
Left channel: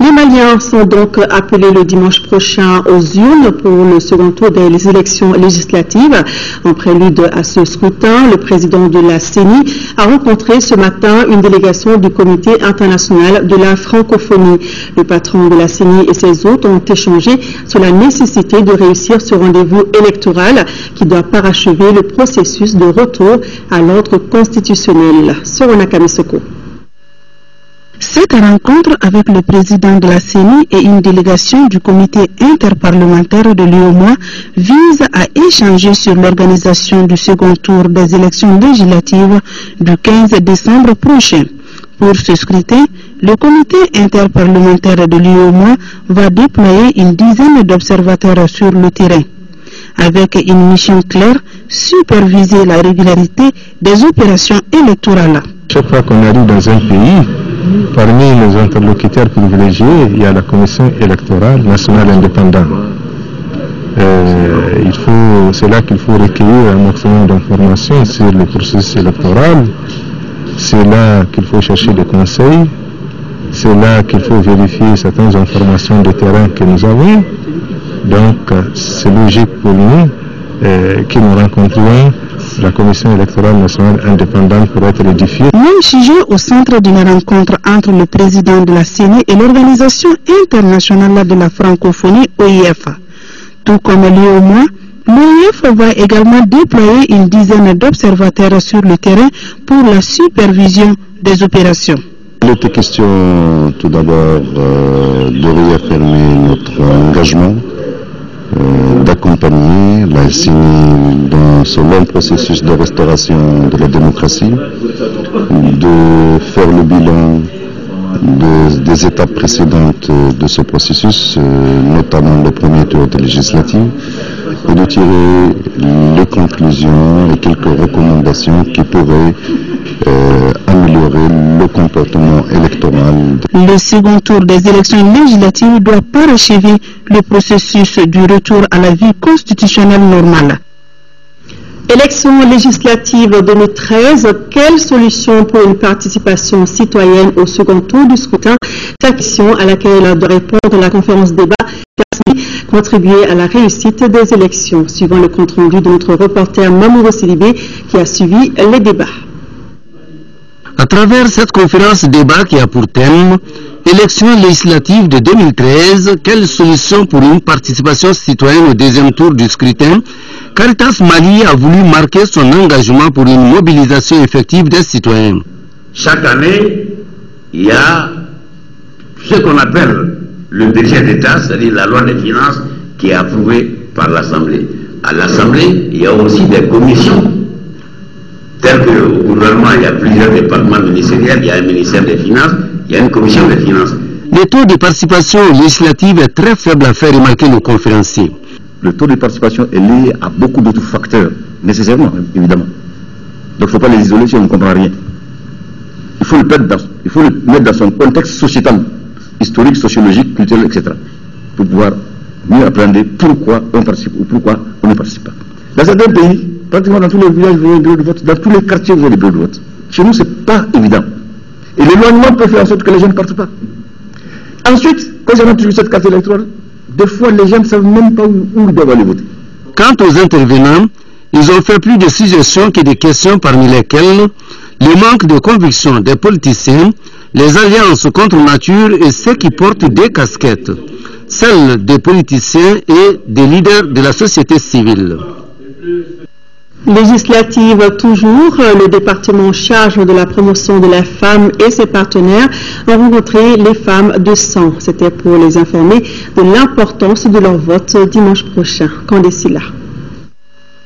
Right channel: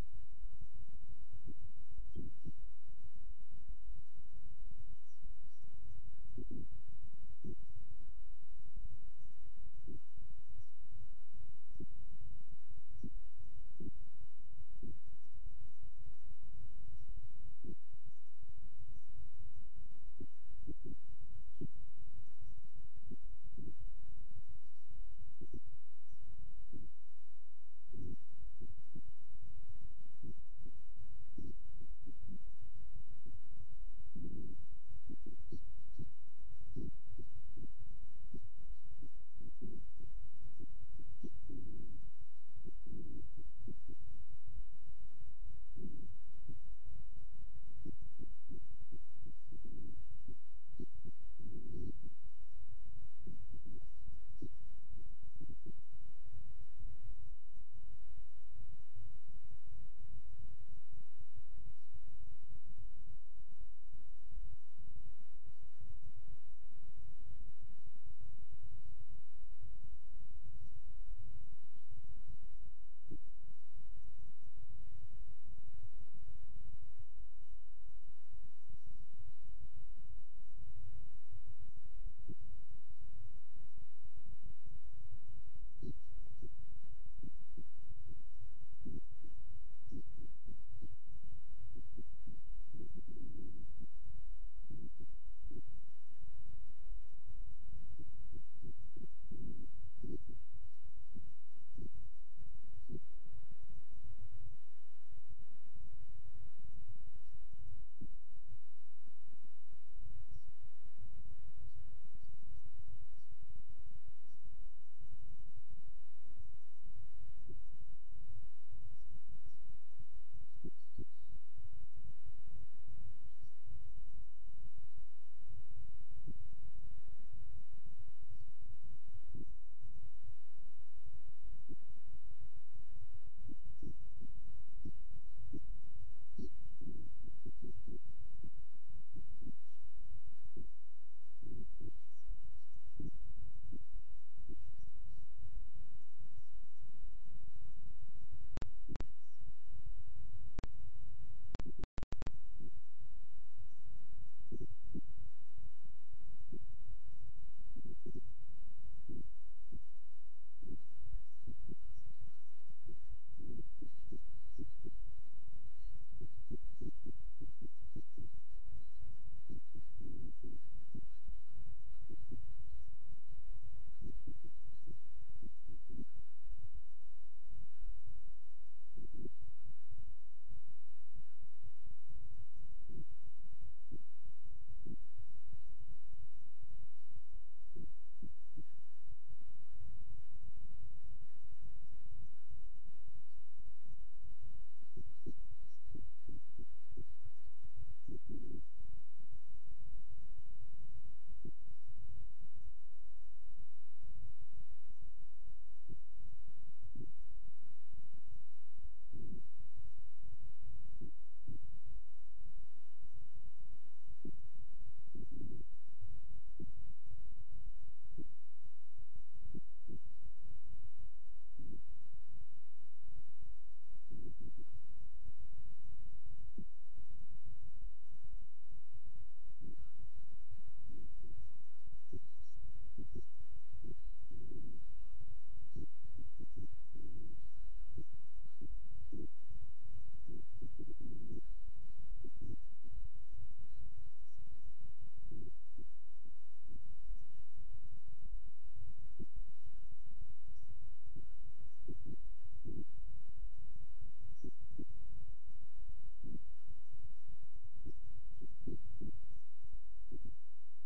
Les Maliens sont donc appelés le dimanche prochain aux urnes pour le second tour des élections législatives. En prélude à ce scrutin, le président de la CENI a rencontré ce matin une délégation du Comité international de la francophonie. Le patron de la CENI et ses hôtes ont échangé sur la nécessité de réussir ce rendez-vous électoral qui doit parachever le processus de retour à l'ordre constitutionnel. Sorona Kamisoko. Cette rencontre avec le président de la CENI et une délégation du comité interparlementaire de l'UOMOA vise à échanger sur l'organisation du second tour des élections législatives du 15 décembre prochain. Pour ce scrutin, le comité interparlementaire de l'UOMOA va déployer une dizaine d'observateurs sur le terrain. Avec une mission claire, superviser la régularité des opérations électorales. Chaque fois qu'on arrive dans un pays, parmi les interlocuteurs privilégiés, il y a la commission électorale nationale indépendante. C'est là qu'il faut recueillir un maximum d'informations sur le processus électoral. C'est là qu'il faut chercher des conseils. C'est là qu'il faut vérifier certaines informations de terrain que nous avons. Donc, c'est logique pour nous que nous rencontrions la Commission électorale nationale indépendante pour être édifiée. Même sujet au centre d'une rencontre entre le président de la CENI et l'Organisation internationale de la francophonie, OIF. Tout comme l'UOMOA, l'OIF va également déployer une dizaine d'observateurs sur le terrain pour la supervision des opérations. Il était question tout d'abord de réaffirmer notre engagement d'accompagner la CENI dans ce long processus de restauration de la démocratie, de faire le bilan des étapes précédentes de ce processus, notamment le premier tour des législatives, et de tirer les conclusions et quelques recommandations qui pourraient améliorer le comportement électoral. Le second tour des élections législatives doit parachever le processus du retour à la vie constitutionnelle normale. Élections législatives 2013, quelle solution pour une participation citoyenne au second tour du scrutin? C'est la question à laquelle doit répondre la conférence débat contribuer à la réussite des élections, suivant le compte-rendu de notre reporter Mamouro Sidibé qui a suivi les débats. À travers cette conférence débat qui a pour thème élections législatives de 2013, quelle solution pour une participation citoyenne au deuxième tour du scrutin, Caritas Mali a voulu marquer son engagement pour une mobilisation effective des citoyens. Chaque année, il y a ce qu'on appelle le budget d'État, c'est-à-dire la loi des finances qui est approuvée par l'Assemblée. À l'Assemblée, il y a aussi des commissions. Tel que au gouvernement, il y a plusieurs départements ministériels, il y a un ministère des Finances, il y a une commission des finances. Le taux de participation législative est très faible, à faire remarquer nos conférenciers. Le taux de participation est lié à beaucoup d'autres facteurs, nécessairement, évidemment. Donc il ne faut pas les isoler si on ne comprend rien. Il faut le mettre dans son contexte sociétal, historique, sociologique, culturel, etc. pour pouvoir mieux appréhender pourquoi on participe ou pourquoi on ne participe pas. Dans certains pays, Pratiquement dans tous les villages, vous avez des bureaux de vote. Dans tous les quartiers, vous avez des bureaux de vote. Chez nous, ce n'est pas évident. Et l'éloignement peut faire en sorte que les gens ne partent pas. Ensuite, quand j'ai toujours cette carte électorale, des fois, les gens ne savent même pas où ils doivent aller voter. Quant aux intervenants, ils ont fait plus de suggestions que de questions, parmi lesquelles le manque de conviction des politiciens, les alliances contre nature et ceux qui portent des casquettes, celles des politiciens et des leaders de la société civile. Législative toujours, le département en charge de la promotion de la femme et ses partenaires ont rencontré les femmes de sang. C'était pour les informer de l'importance de leur vote dimanche prochain. Candécila.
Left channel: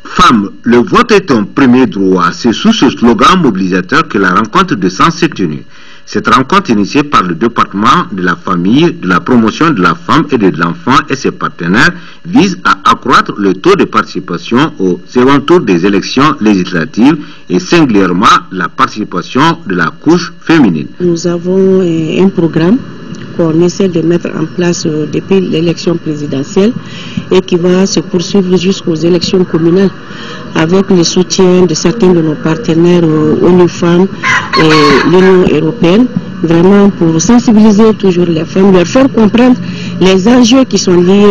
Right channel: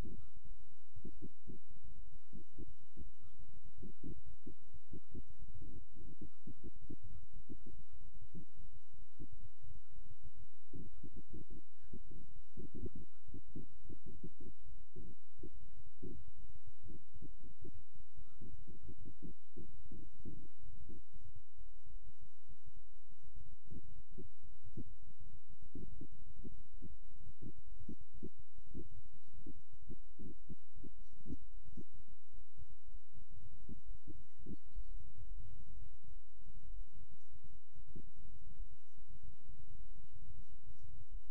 Femmes, le vote est un premier droit. C'est sous ce slogan mobilisateur que la rencontre de sang s'est tenue. Cette rencontre initiée par le département de la famille, de la promotion de la femme et de l'enfant et ses partenaires vise à accroître le taux de participation au second tour des élections législatives et singulièrement la participation de la couche féminine. Nous avons un programme qu'on essaie de mettre en place depuis l'élection présidentielle et qui va se poursuivre jusqu'aux élections communales avec le soutien de certains de nos partenaires ONU Femmes et l'Union européenne, vraiment pour sensibiliser toujours les femmes, leur faire comprendre les enjeux qui sont liés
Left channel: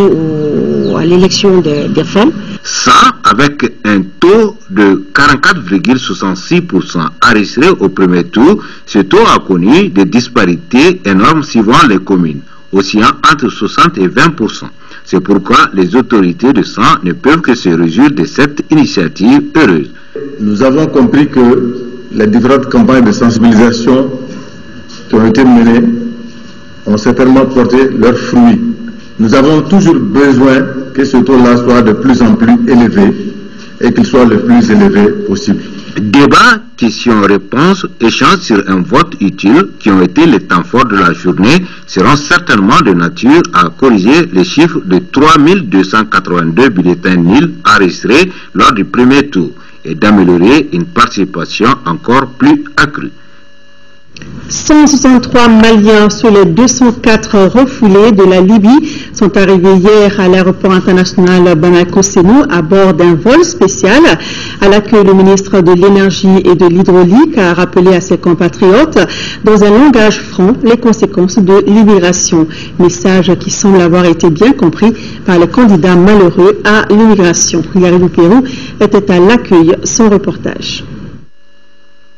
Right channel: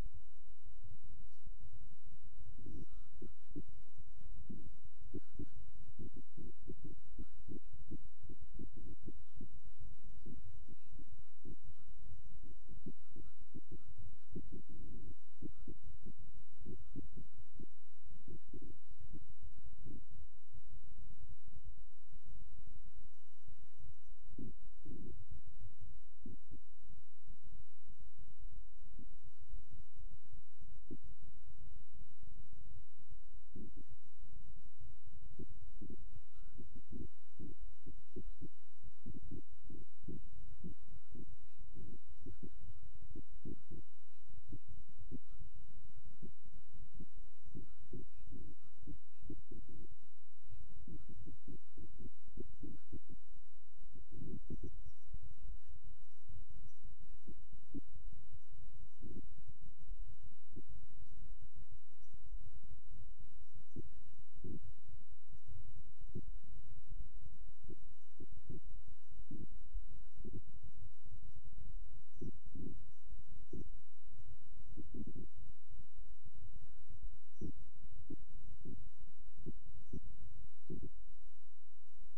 à l'élection des femmes. Ça, avec un taux de 44,66% enregistré au premier tour, ce taux a connu des disparités énormes suivant les communes, oscillant entre 60 et 20%. C'est pourquoi les autorités de sang ne peuvent que se réjouir de cette initiative heureuse. Nous avons compris que les différentes campagnes de sensibilisation qui ont été menées ont certainement porté leurs fruits. Nous avons toujours besoin que ce taux-là soit de plus en plus élevé et qu'il soit le plus élevé possible. Débat, questions-réponses, échanges sur un vote utile qui ont été les temps forts de la journée seront certainement de nature à corriger les chiffres de 3282 bulletins nuls enregistrés lors du premier tour et d'améliorer une participation encore plus accrue. 163 Maliens sur les 204 refoulés de la Libye sont arrivés hier à l'aéroport international Bamako-Sénou à bord d'un vol spécial. À l'accueil, le ministre de l'Énergie et de l'Hydraulique a rappelé à ses compatriotes dans un langage franc les conséquences de l'immigration. Message qui semble avoir été bien compris par les candidats malheureux à l'immigration. Yaribou Pérou était à l'accueil, son reportage.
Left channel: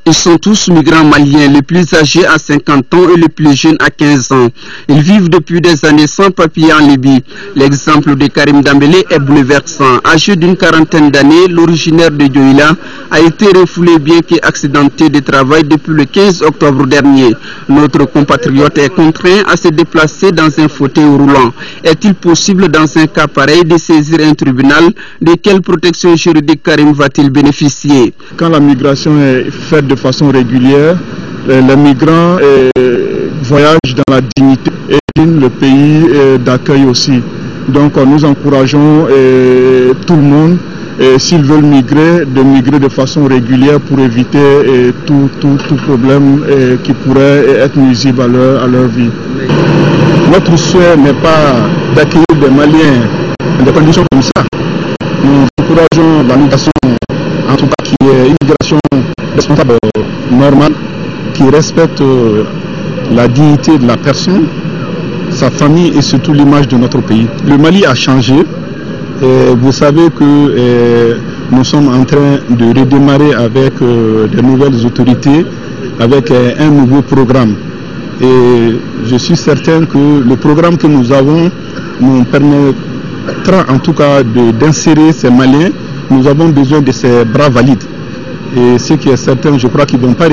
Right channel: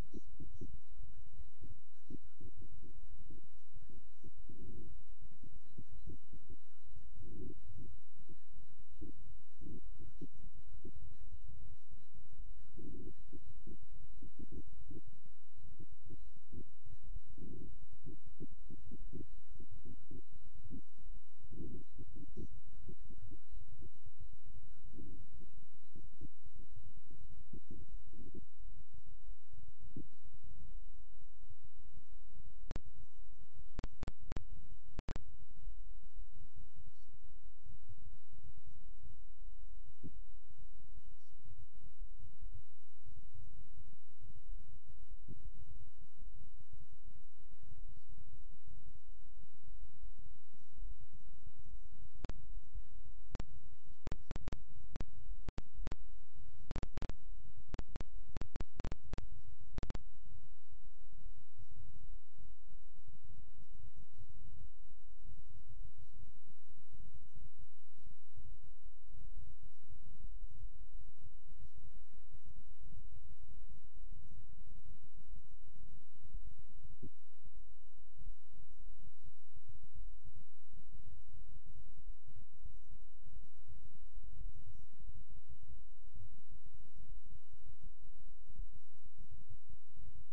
Ils sont tous migrants maliens, les plus âgés à 50 ans et les plus jeunes à 15 ans. Ils vivent depuis des années sans papier en Libye. L'exemple de Karim Dambélé est bouleversant. Âgé d'une quarantaine d'années, l'originaire de Dioïla a été refoulé bien qu'accidenté de travail depuis le 15 octobre dernier. Notre compatriote est contraint à se déplacer dans un fauteuil roulant. Est-il possible dans un cas pareil de saisir un tribunal? De quelle protection juridique Karim va-t-il bénéficier? Quand la migration est faite de façon régulière, les migrants voyagent dans la dignité et le pays d'accueil aussi. Donc nous encourageons tout le monde, s'ils veulent migrer, de migrer de façon régulière pour éviter tout problème qui pourrait être nuisible à leur vie. Notre souhait n'est pas d'accueillir des Maliens dans des conditions comme ça. Nous encourageons la migration, en tout cas qui est une migration responsable, normale, qui respecte la dignité de la personne, sa famille et surtout l'image de notre pays. Le Mali a changé. Vous savez que nous sommes en train de redémarrer avec de nouvelles autorités, avec un nouveau programme. Et je suis certain que le programme que nous avons nous permettra en tout cas d'insérer ces Maliens. Nous avons besoin de ces bras valides. Et ce qui est certain, je crois qu'ils ne vont pas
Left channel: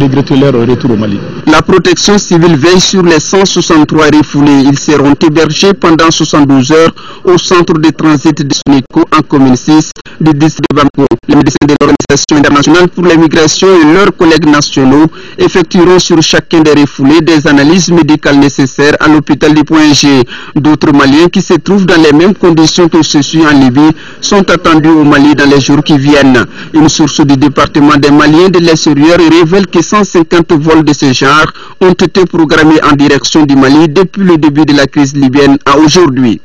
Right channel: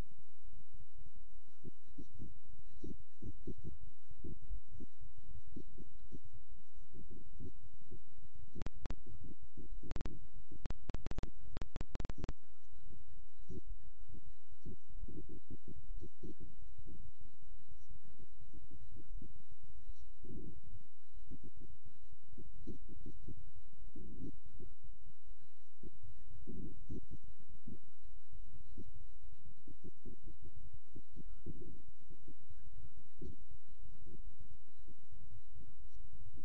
regretter leur retour au Mali. La protection civile veille sur les 163 refoulés. Ils seront hébergés pendant 72 heures au centre de transit de Sounico en commune 6 du district de Bamako. Les médecins de l'Organisation internationale pour les migrations et leurs collègues nationaux effectueront sur chacun des refoulés des analyses médicales nécessaires à l'hôpital du Point G. D'autres Maliens qui se trouvent dans les mêmes conditions que ceux-ci en Libye sont attendus au Mali dans les jours qui viennent. Une source du département des Maliens de l'extérieur révèle que 150 vols de ce genre ont été programmés en direction du Mali depuis le début de la crise libyenne à aujourd'hui.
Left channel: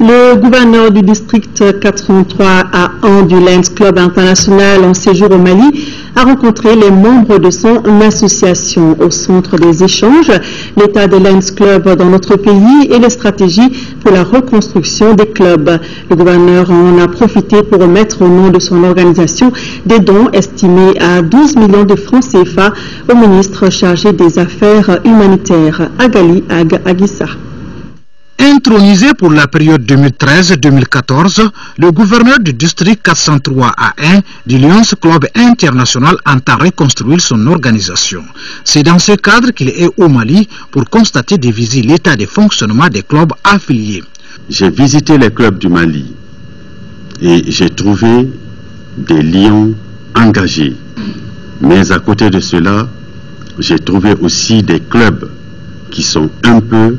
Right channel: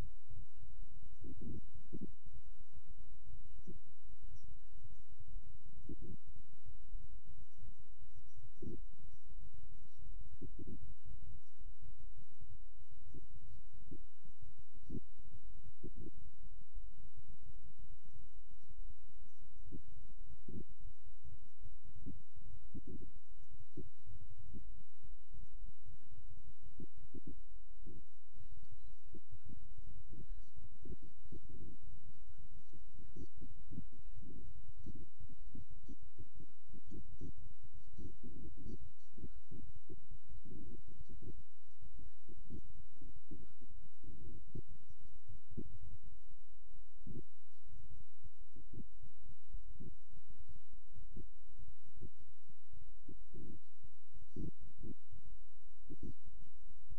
Le gouverneur du district 403 à 1 du Lions Club International en séjour au Mali a rencontré les membres de son association au centre des échanges, l'état des Lions Club dans notre pays et les stratégies pour la reconstruction des clubs. Le gouverneur en a profité pour remettre au nom de son organisation des dons estimés à 12 millions de francs CFA au ministre chargé des Affaires humanitaires, Agali Agissa. Intronisé pour la période 2013-2014, le gouverneur du district 403 à 1 du Lions Club International entend reconstruire son organisation. C'est dans ce cadre qu'il est au Mali pour constater et visiter l'état de fonctionnement des clubs affiliés. J'ai visité les clubs du Mali et j'ai trouvé des lions engagés. Mais à côté de cela, j'ai trouvé aussi des clubs qui sont un peu,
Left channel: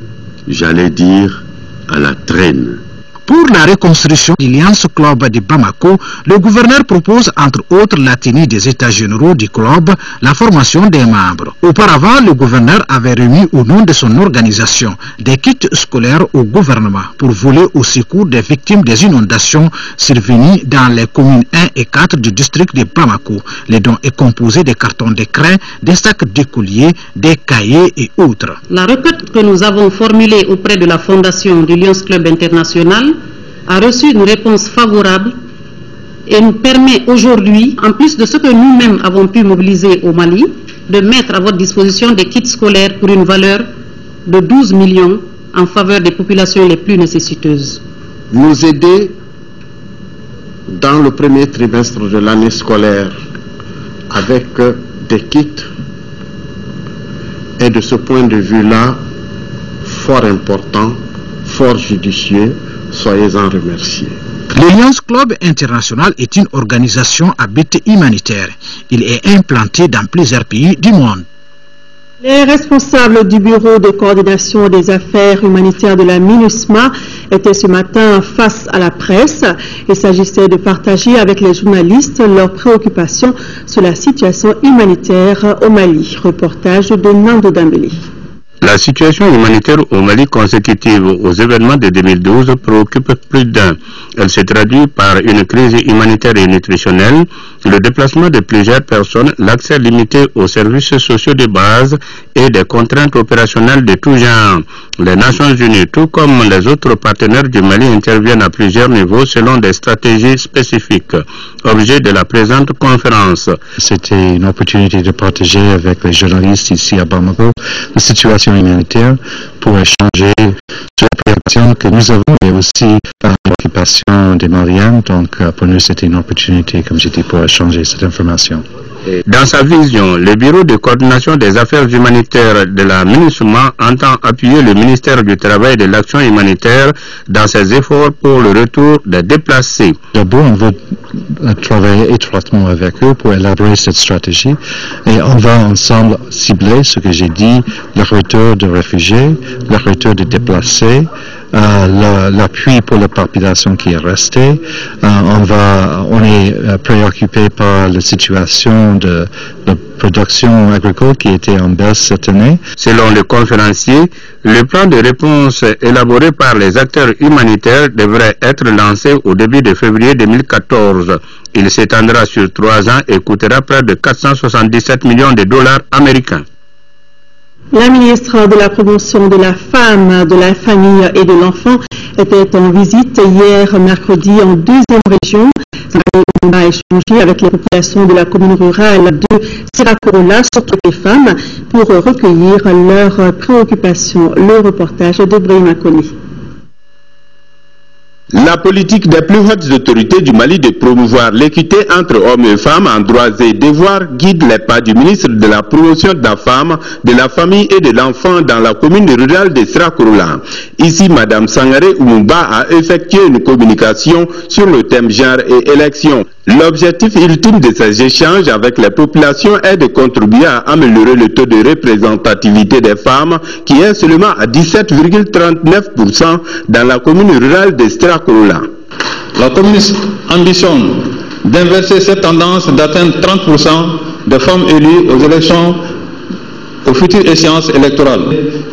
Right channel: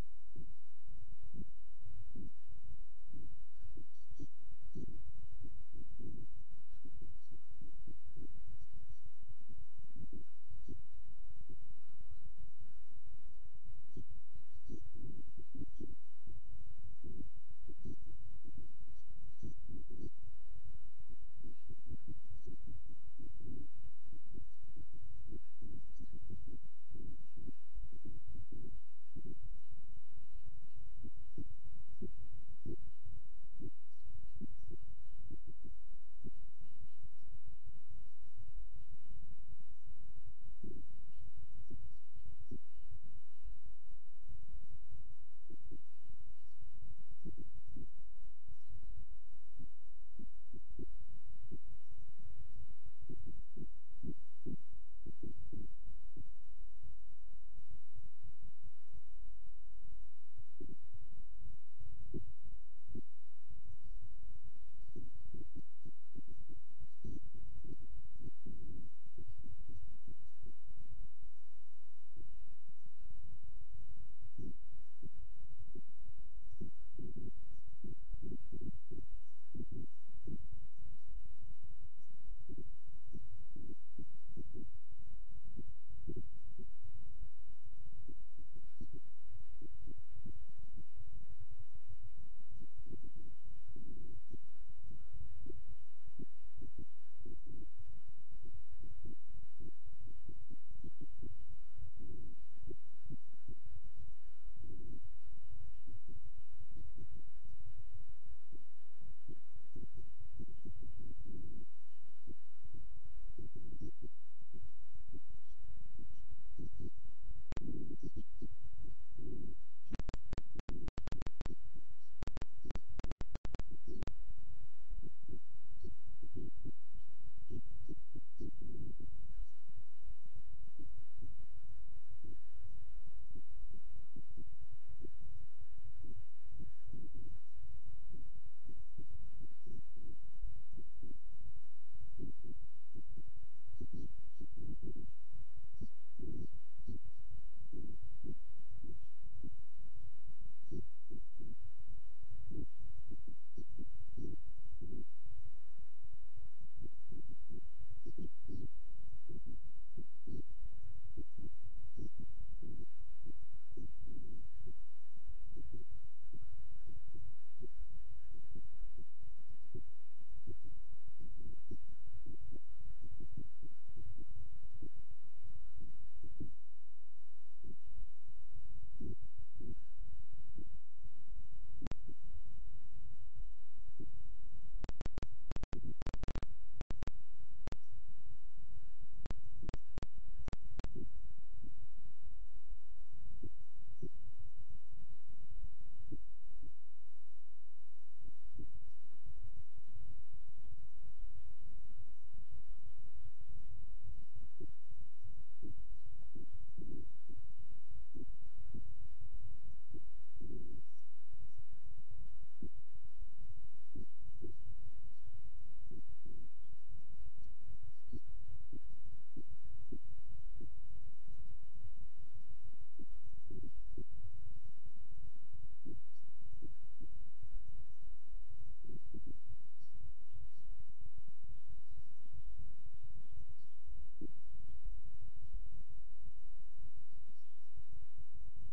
j'allais dire, à la traîne. Pour la reconstruction du Lions Club de Bamako, le gouverneur propose entre autres la tenue des états généraux du club, la formation des membres. Auparavant, le gouverneur avait remis au nom de son organisation des kits scolaires au gouvernement pour voler au secours des victimes des inondations survenues dans les communes 1 et 4 du district de Bamako. Les dons est composé de cartons de craie, des sacs d'écoliers, des cahiers et autres. La requête que nous avons formulée auprès de la fondation du Lions Club International a reçu une réponse favorable et nous permet aujourd'hui, en plus de ce que nous-mêmes avons pu mobiliser au Mali, de mettre à votre disposition des kits scolaires pour une valeur de 12 millions en faveur des populations les plus nécessiteuses. Nous aider dans le premier trimestre de l'année scolaire avec des kits est de ce point de vue-là fort important, fort judicieux. Soyez-en remerciés. Le Lions Club International est une organisation à but humanitaire. Il est implanté dans plusieurs pays du monde. Les responsables du Bureau de coordination des affaires humanitaires de la MINUSMA étaient ce matin face à la presse. Il s'agissait de partager avec les journalistes leurs préoccupations sur la situation humanitaire au Mali. Reportage de Nando Dambélé. La situation humanitaire au Mali consécutive aux événements de 2012 préoccupe plus d'un. Elle se traduit par une crise humanitaire et nutritionnelle, le déplacement de plusieurs personnes, l'accès limité aux services sociaux de base et des contraintes opérationnelles de tout genre. Les Nations Unies, tout comme les autres partenaires du Mali, interviennent à plusieurs niveaux selon des stratégies spécifiques. Objet de la présente conférence. C'était une opportunité de partager avec les journalistes ici à Bamako la situation humanitaire pour échanger sur la préoccupation que nous avons et aussi la préoccupation des Maliens. Donc pour nous c'était une opportunité, comme j'ai dit, pour échanger cette information. Dans sa vision, le Bureau de coordination des affaires humanitaires de la MINUSMA entend appuyer le ministère du Travail et de l'Action humanitaire dans ses efforts pour le retour des déplacés. D'abord, on veut travailler étroitement avec eux pour élaborer cette stratégie et on va ensemble cibler ce que j'ai dit, le retour de réfugiés, le retour de déplacés, l'appui pour la population qui est restée. On est préoccupé par la situation de la production agricole qui était en baisse cette année. Selon le conférencier, le plan de réponse élaboré par les acteurs humanitaires devrait être lancé au début de février 2014. Il s'étendra sur 3 ans et coûtera près de 477 millions de dollars américains. La ministre de la Promotion de la Femme, de la Famille et de l'Enfant était en visite hier mercredi en 2e région. On a échangé avec les populations de la commune rurale de Sirakorola, surtout les femmes, pour recueillir leurs préoccupations. Le reportage de Brahima Koni. La politique des plus hautes autorités du Mali de promouvoir l'équité entre hommes et femmes en droits et devoirs guide les pas du ministre de la Promotion de la Femme, de la Famille et de l'Enfant dans la commune rurale de Sirakorola. Ici, Mme Sangaré Oumba a effectué une communication sur le thème genre et élection. L'objectif ultime de ces échanges avec les populations est de contribuer à améliorer le taux de représentativité des femmes qui est seulement à 17,39% dans la commune rurale de Sirakorola. La commune ambitionne d'inverser cette tendance d'atteindre 30% de femmes élues aux élections aux futures échéances électorales,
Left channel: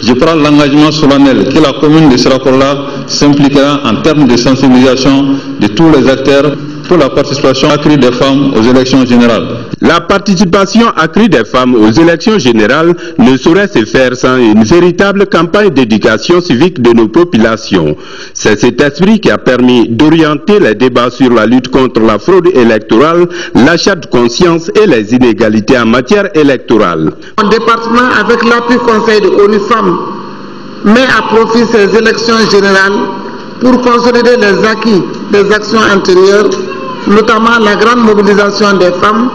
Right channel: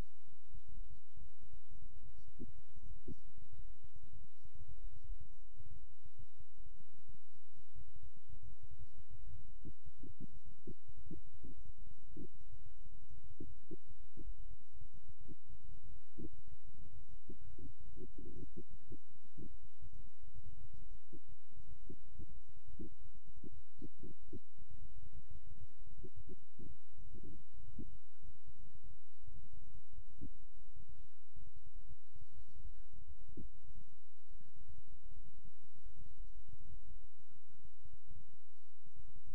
je prends l'engagement solennel que la commune de Sirakola s'impliquera en termes de sensibilisation de tous les acteurs pour la participation accrue des femmes aux élections générales. La participation accrue des femmes aux élections générales ne saurait se faire sans une véritable campagne d'éducation civique de nos populations. C'est cet esprit qui a permis d'orienter les débats sur la lutte contre la fraude électorale, l'achat de conscience et les inégalités en matière électorale. Mon département, avec l'appui conseil de ONU Femmes, met à profit ces élections générales pour consolider les acquis des actions antérieures, notamment la grande mobilisation des femmes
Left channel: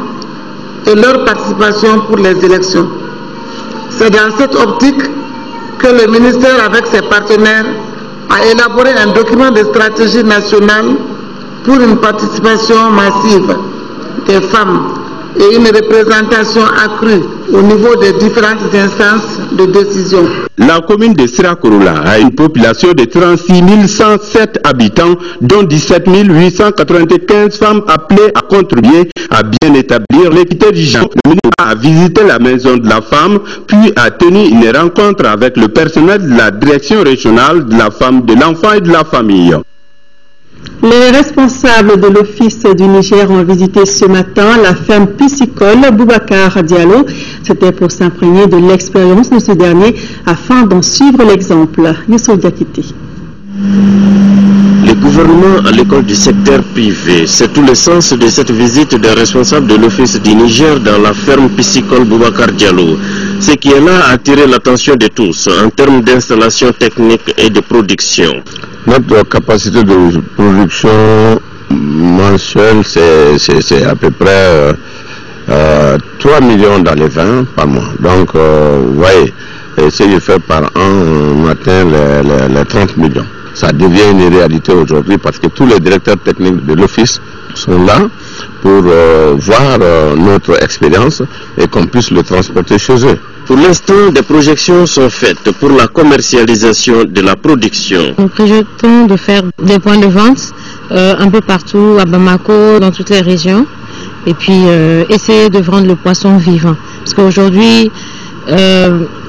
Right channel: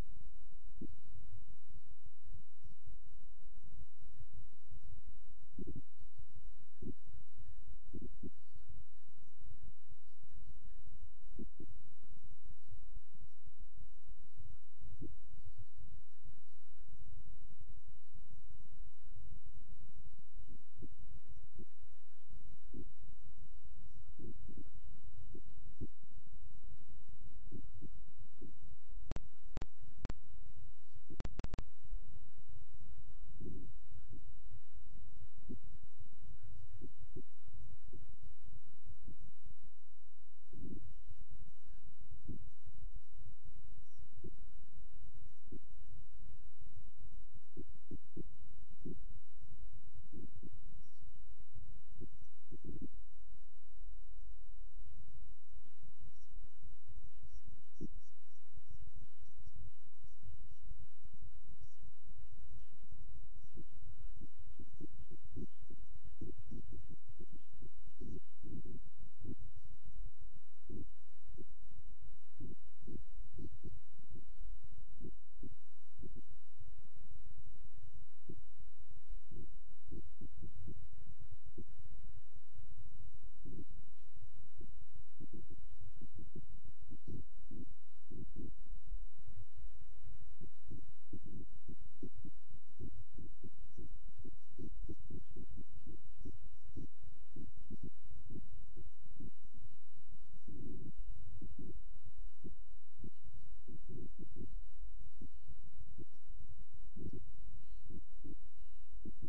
et leur participation pour les élections. C'est dans cette optique que le ministère, avec ses partenaires, a élaboré un document de stratégie nationale pour une participation massive des femmes et une représentation accrue au niveau des différentes instances de décision. La commune de Sirakola a une population de 36 107 habitants, dont 17 895 femmes appelées à contribuer à bien établir l'équité du genre. Le ministre a visité la maison de la femme, puis a tenu une rencontre avec le personnel de la direction régionale de la femme, de l'enfant et de la famille. Les responsables de l'Office du Niger ont visité ce matin la ferme piscicole Boubacar Diallo. C'était pour s'imprégner de l'expérience de ce dernier afin d'en suivre l'exemple. Youssou Diakité. Le gouvernement à l'école du secteur privé, c'est tout le sens de cette visite des responsables de l'Office du Niger dans la ferme piscicole Boubacar Diallo. Ce qui est là a attiré l'attention de tous en termes d'installation technique et de production. Notre capacité de production mensuelle, c'est à peu près 3 millions dans les vins par mois. Donc, vous voyez, si je fais par an, on atteint les 30 millions. Ça devient une réalité aujourd'hui parce que tous les directeurs techniques de l'office sont là pour voir notre expérience et qu'on puisse le transporter chez eux. Pour l'instant, des projections sont faites pour la commercialisation de la production. Nous projetons de faire des points de vente un peu partout à Bamako, dans toutes les régions, et puis essayer de vendre le poisson vivant. Parce qu'aujourd'hui,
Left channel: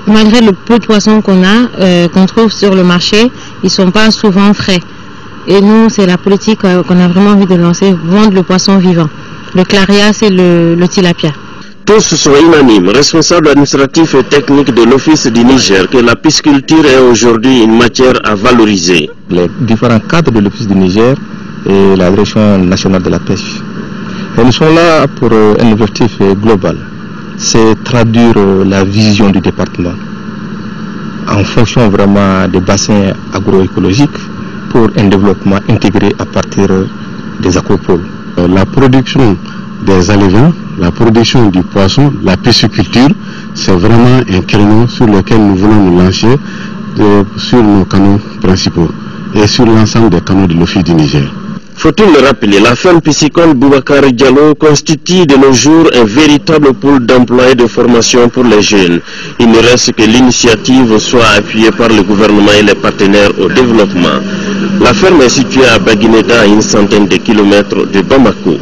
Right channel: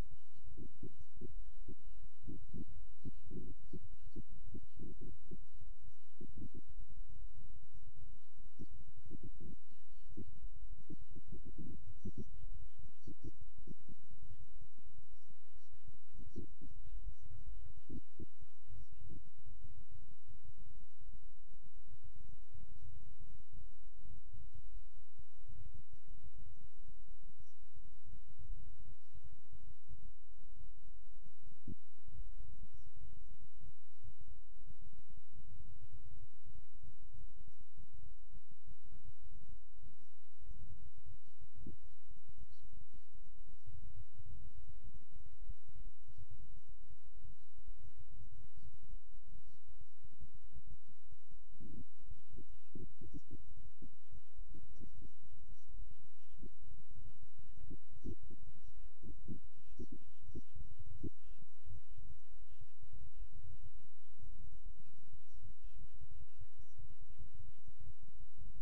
malgré le peu de poissons qu'on a, qu'on trouve sur le marché, ils ne sont pas souvent frais. Et nous, c'est la politique qu'on a vraiment envie de lancer, vendre le poisson vivant. Le claria, c'est le tilapia. Tous sont unanimes, responsables administratifs et techniques de l'Office du Niger, que la pisciculture est aujourd'hui une matière à valoriser. Les différents cadres de l'Office du Niger et la Direction nationale de la pêche. Et nous sommes là pour un objectif global, c'est traduire la vision du département en fonction vraiment des bassins agroécologiques pour un développement intégré à partir des aquapoles. La production des alevins, la production du poisson, la pisciculture, c'est vraiment un créneau sur lequel nous voulons nous lancer sur nos canaux principaux et sur l'ensemble des canaux de l'Office du Niger. Faut-il le rappeler, la ferme piscicole Boubacar Diallo constitue de nos jours un véritable pôle d'emploi et de formation pour les jeunes. Il ne reste que l'initiative soit appuyée par le gouvernement et les partenaires au développement. La ferme est située à Baguineda, à une centaine de kilomètres de Bamako.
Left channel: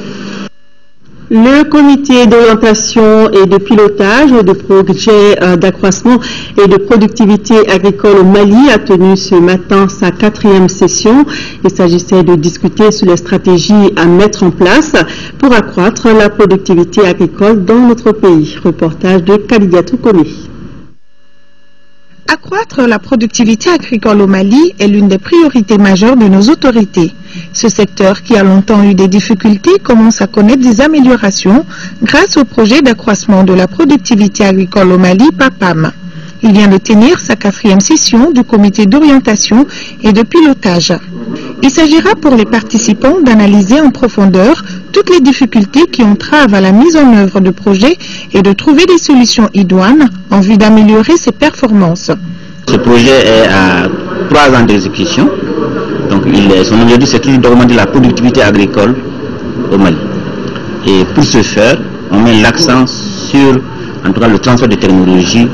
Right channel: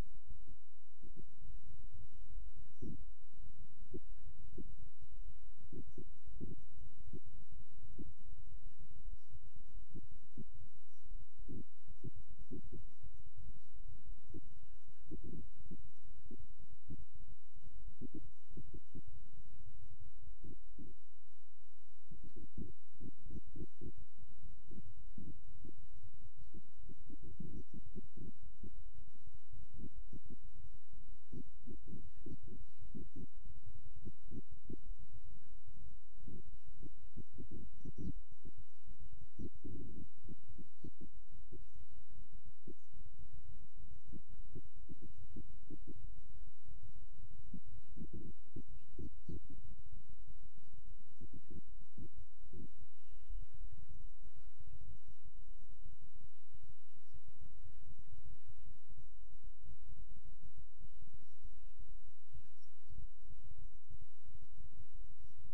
Le comité d'orientation et de pilotage de projets d'accroissement et de productivité agricole au Mali a tenu ce matin sa 4e session. Il s'agissait de discuter sur les stratégies à mettre en place pour accroître la productivité agricole dans notre pays. Reportage de Kalidiatou Kone. Accroître la productivité agricole au Mali est l'une des priorités majeures de nos autorités. Ce secteur, qui a longtemps eu des difficultés, commence à connaître des améliorations grâce au projet d'accroissement de la productivité agricole au Mali, PAPAM. Il vient de tenir sa 4e session du comité d'orientation et de pilotage. Il s'agira pour les participants d'analyser en profondeur toutes les difficultés qui entravent à la mise en œuvre de projets et de trouver des solutions idoines en vue d'améliorer ses performances. Ce projet est à 3 ans d'exécution. Donc son objectif, c'est toujours d'augmenter la productivité agricole au Mali. Et pour ce faire, on met l'accent sur, en tout cas, le transfert de technologies,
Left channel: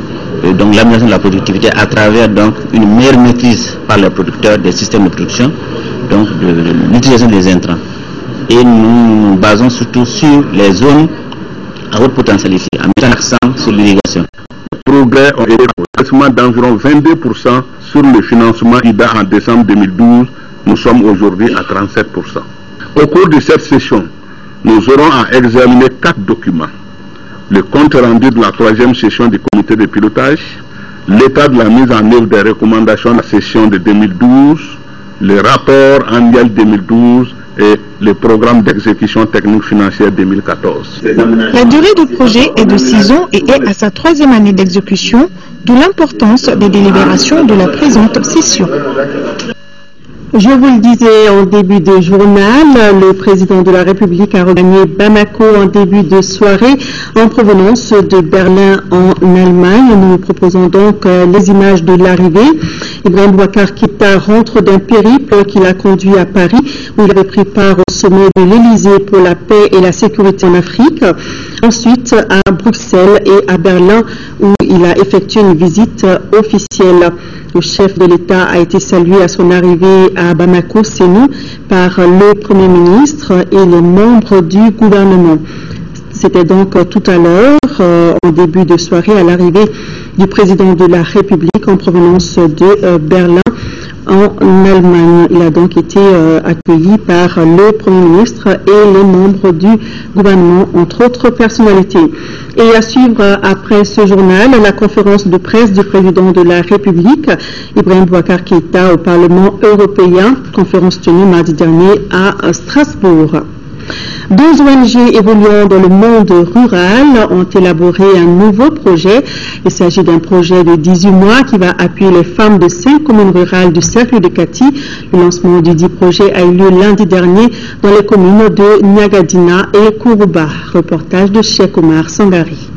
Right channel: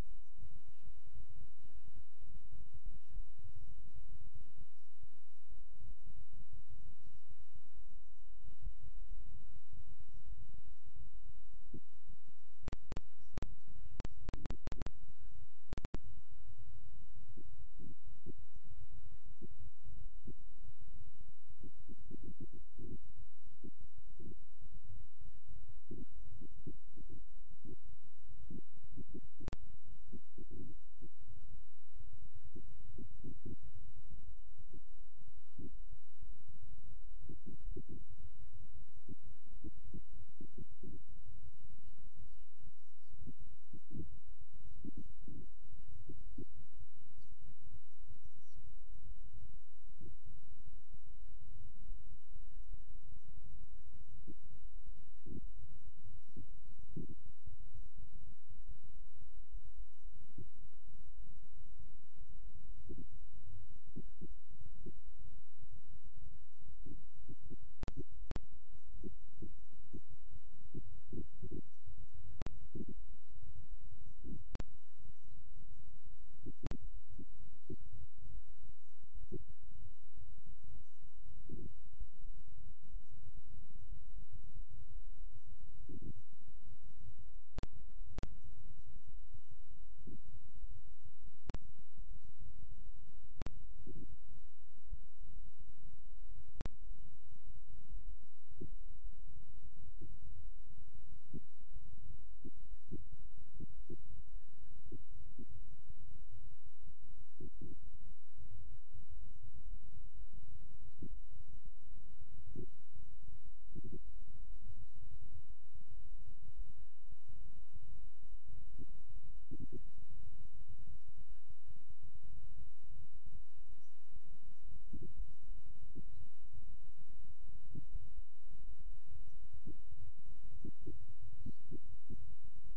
donc l'amélioration de la productivité à travers donc une meilleure maîtrise par les producteurs des systèmes de production, donc de l'utilisation des intrants. Et nous nous basons surtout sur les zones à haute potentialité, en mettant l'accent sur l'irrigation. Le progrès ont été d'environ 22% sur le financement IDA en décembre 2012. Nous sommes aujourd'hui à 37%. Au cours de cette session, nous aurons à examiner 4 documents. Le compte rendu de la 3e session du comité de pilotage, l'état de la mise en œuvre des recommandations de la session de 2012, le rapport annuel 2012 et le programme d'exécution technique financière 2014. La durée du projet est de 6 ans et est à sa 3e année d'exécution, d'où l'importance des délibérations de la présente session. Je vous le disais en début de journal, le président de la République a regagné Bamako en début de soirée en provenance de Berlin en Allemagne. Nous proposons donc les images de l'arrivée. Ibrahim Boubacar Keïta rentre d'un périple qui l'a conduit à Paris où il avait pris part au sommet de l'Élysée pour la paix et la sécurité en Afrique. Ensuite à Bruxelles et à Berlin où il a effectué une visite officielle. Le chef de l'État a été salué à son arrivée à Bamako, Sénou, par le Premier ministre et les membres du gouvernement. C'était donc tout à l'heure, en début de soirée, à l'arrivée du président de la République en provenance de Berlin en Allemagne. Il a donc été accueilli par le Premier ministre et les membres du gouvernement, entre autres personnalités. Et à suivre après ce journal, la conférence de presse du président de la République, Ibrahim Boubacar Keïta, au Parlement européen, conférence tenue mardi dernier à Strasbourg. 2 ONG évoluant dans le monde rural ont élaboré un nouveau projet. Il s'agit d'un projet de 18 mois qui va appuyer les femmes de 5 communes rurales du cercle de Kati. Le lancement du dit projet a eu lieu lundi dernier dans les communes de Niagadina et Kourouba. Reportage de Cheikh Omar Sangari.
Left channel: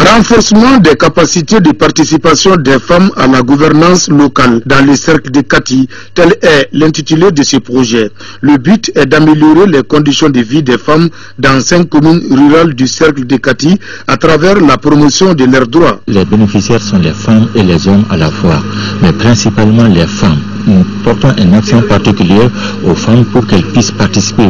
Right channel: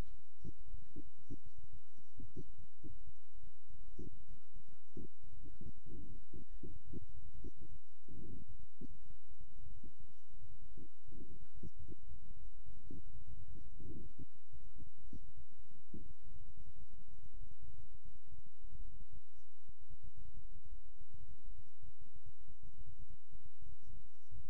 Renforcement des capacités de participation des femmes à la gouvernance locale dans les cercles de Kati, tel est l'intitulé de ce projet. Le but est d'améliorer les conditions de vie des femmes dans 5 communes rurales du cercle de Kati à travers la promotion de leurs droits. Les bénéficiaires sont les femmes et les hommes à la fois, mais principalement les femmes. Nous portons une action particulière aux femmes pour qu'elles puissent participer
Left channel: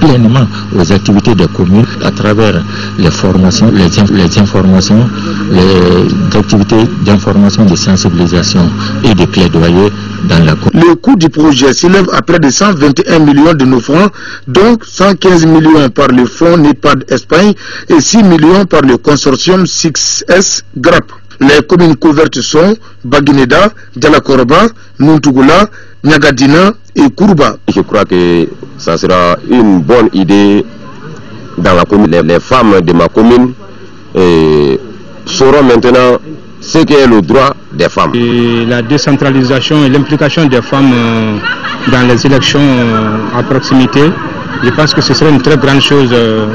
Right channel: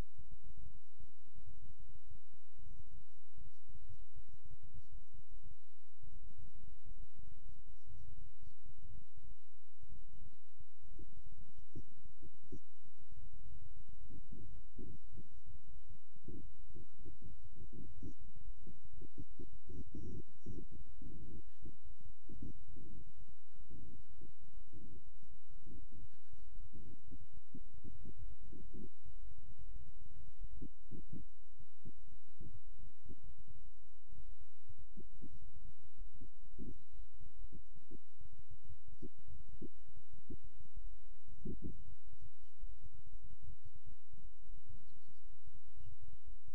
pleinement aux activités des communes à travers les formations, les informations, les activités d'information, de sensibilisation et de plaidoyer dans la commune. Le coût du projet s'élève à près de 121 millions de nos francs, donc 115 millions par le fonds NEPAD Espagne et 6 millions par le consortium 6S GRAP. Les communes couvertes sont Baguineda, Dialakoroba, Muntugula, Niagadina et Kourouba. Je crois que ça sera une bonne idée dans la commune. Les femmes de ma commune sauront maintenant ce qu'est le droit des femmes. Et la décentralisation et l'implication des femmes dans les élections à proximité, je pense que ce serait une très grande chose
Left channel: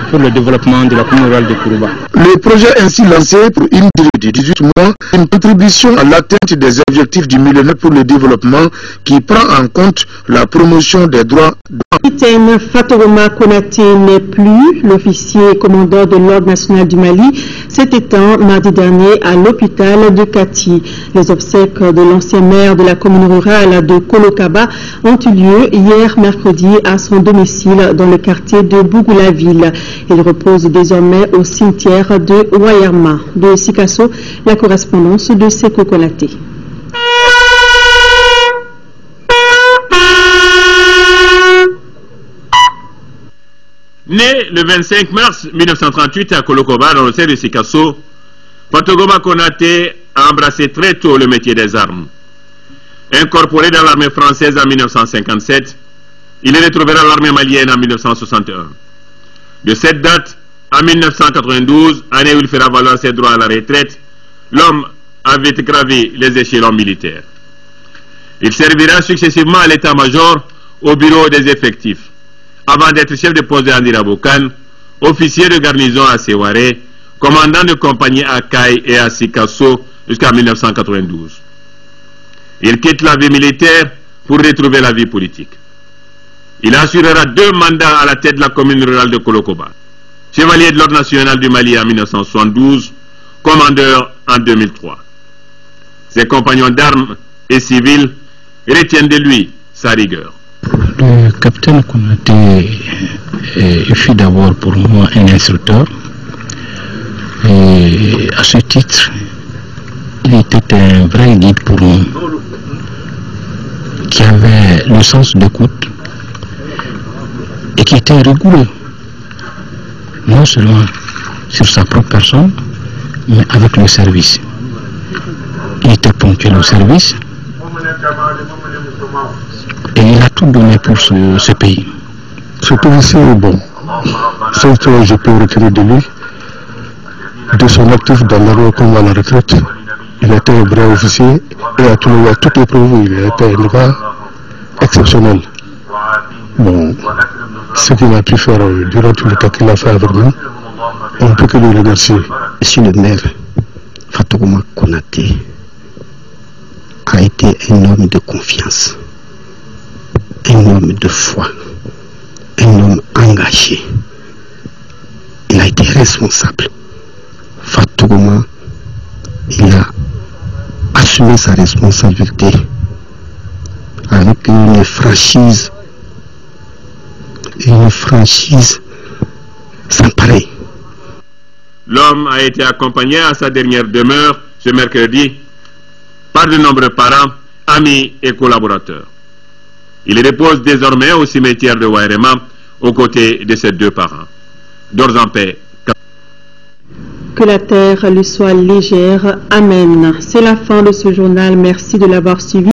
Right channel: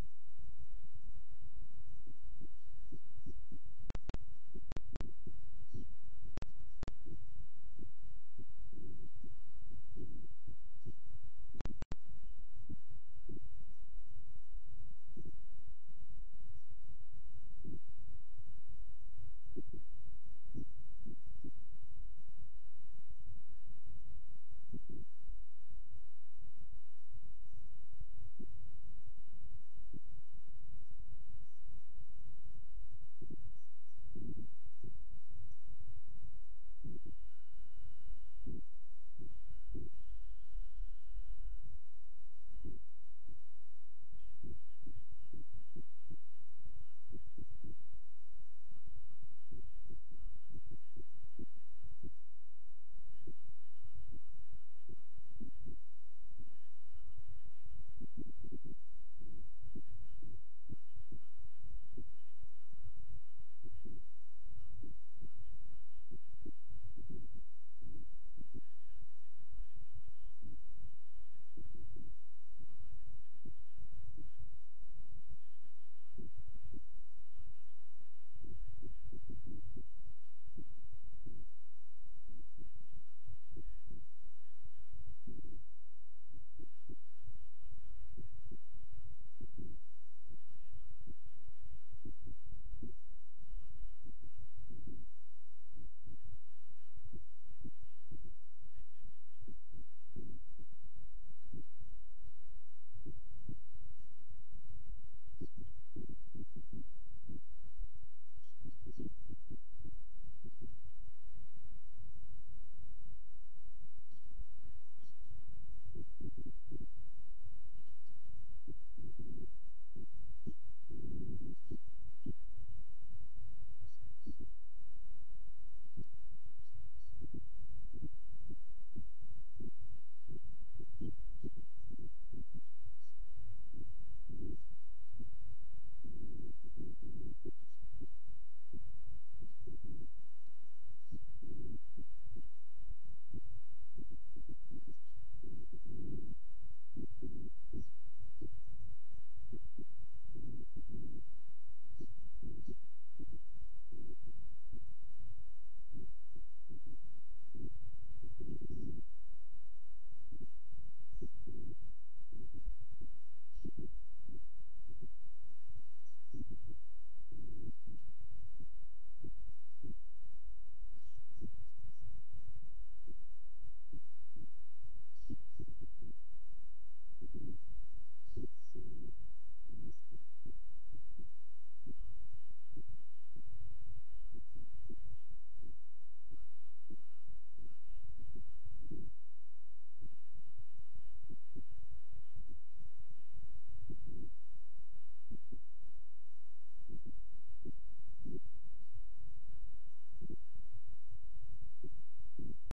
pour le développement de la commune rurale de Kourouba. Le projet ainsi lancé pour une durée de 18 mois, une contribution à l'atteinte des objectifs du millénaire pour le développement qui prend en compte la promotion des droits. Capitaine Fatouma Konaté n'est plus. L'officier commandant de l'Ordre national du Mali s'est éteint mardi dernier à l'hôpital de Kati. Les obsèques de l'ancien maire de la commune rurale de Kolokaba ont eu lieu hier mercredi à son domicile dans le quartier de Bougoula-Ville. Il repose désormais au cimetière de Wayarma. De Sikasso, la correspondance de Seko Konaté. Né le 25 mars 1938 à Kolokoba, dans le cercle de Sikasso, Fatogoma Konaté a embrassé très tôt le métier des armes. Incorporé dans l'armée française en 1957, il est retrouvé dans l'armée malienne en 1961. De cette date, en 1992, année où il fera valoir ses droits à la retraite, l'homme avait gravé les échelons militaires. Il servira successivement à l'état-major, au bureau des effectifs, avant d'être chef de poste de Andirabokan, officier de garnison à Seware, commandant de compagnie à Kaï et à Sikasso jusqu'en 1992. Il quitte la vie militaire pour retrouver la vie politique. Il assurera 2 mandats à la tête de la commune rurale de Kolokoba. Chevalier de l'Ordre national du Mali en 1972, commandeur en 2003. Ses compagnons d'armes et civils retiennent de lui sa rigueur. Le capitaine Konaté fut d'abord pour moi un instructeur, Et à ce titre, il était un vrai guide pour nous, qui avait le sens d'écoute et qui était rigoureux, non seulement sur sa propre personne, mais avec le service. Il était ponctuel au service et il a tout donné pour ce pays. Ce policier est bon. Ce que je peux retenir de lui, de son actif dans l'armée comme à la retraite, il était un vrai officier et à toutes les preuves, il était un gars exceptionnel. Bon, ce qu'il a pu faire durant tout le temps qu'il a fait avec nous, on ne peut que le remercier. Monsieur le maire, Fatouma Konaté a été un homme de confiance, un homme de foi, un homme engagé. Il a été responsable. Fatouma, il a assumé sa responsabilité avec une franchise sans pareil. L'homme a été accompagné à sa dernière demeure ce mercredi par de nombreux parents, amis et collaborateurs. Il repose désormais au cimetière de Wairema aux côtés de ses deux parents. Dors en paix. Que la terre lui soit légère. Amen. C'est la fin de ce journal. Merci de l'avoir suivi.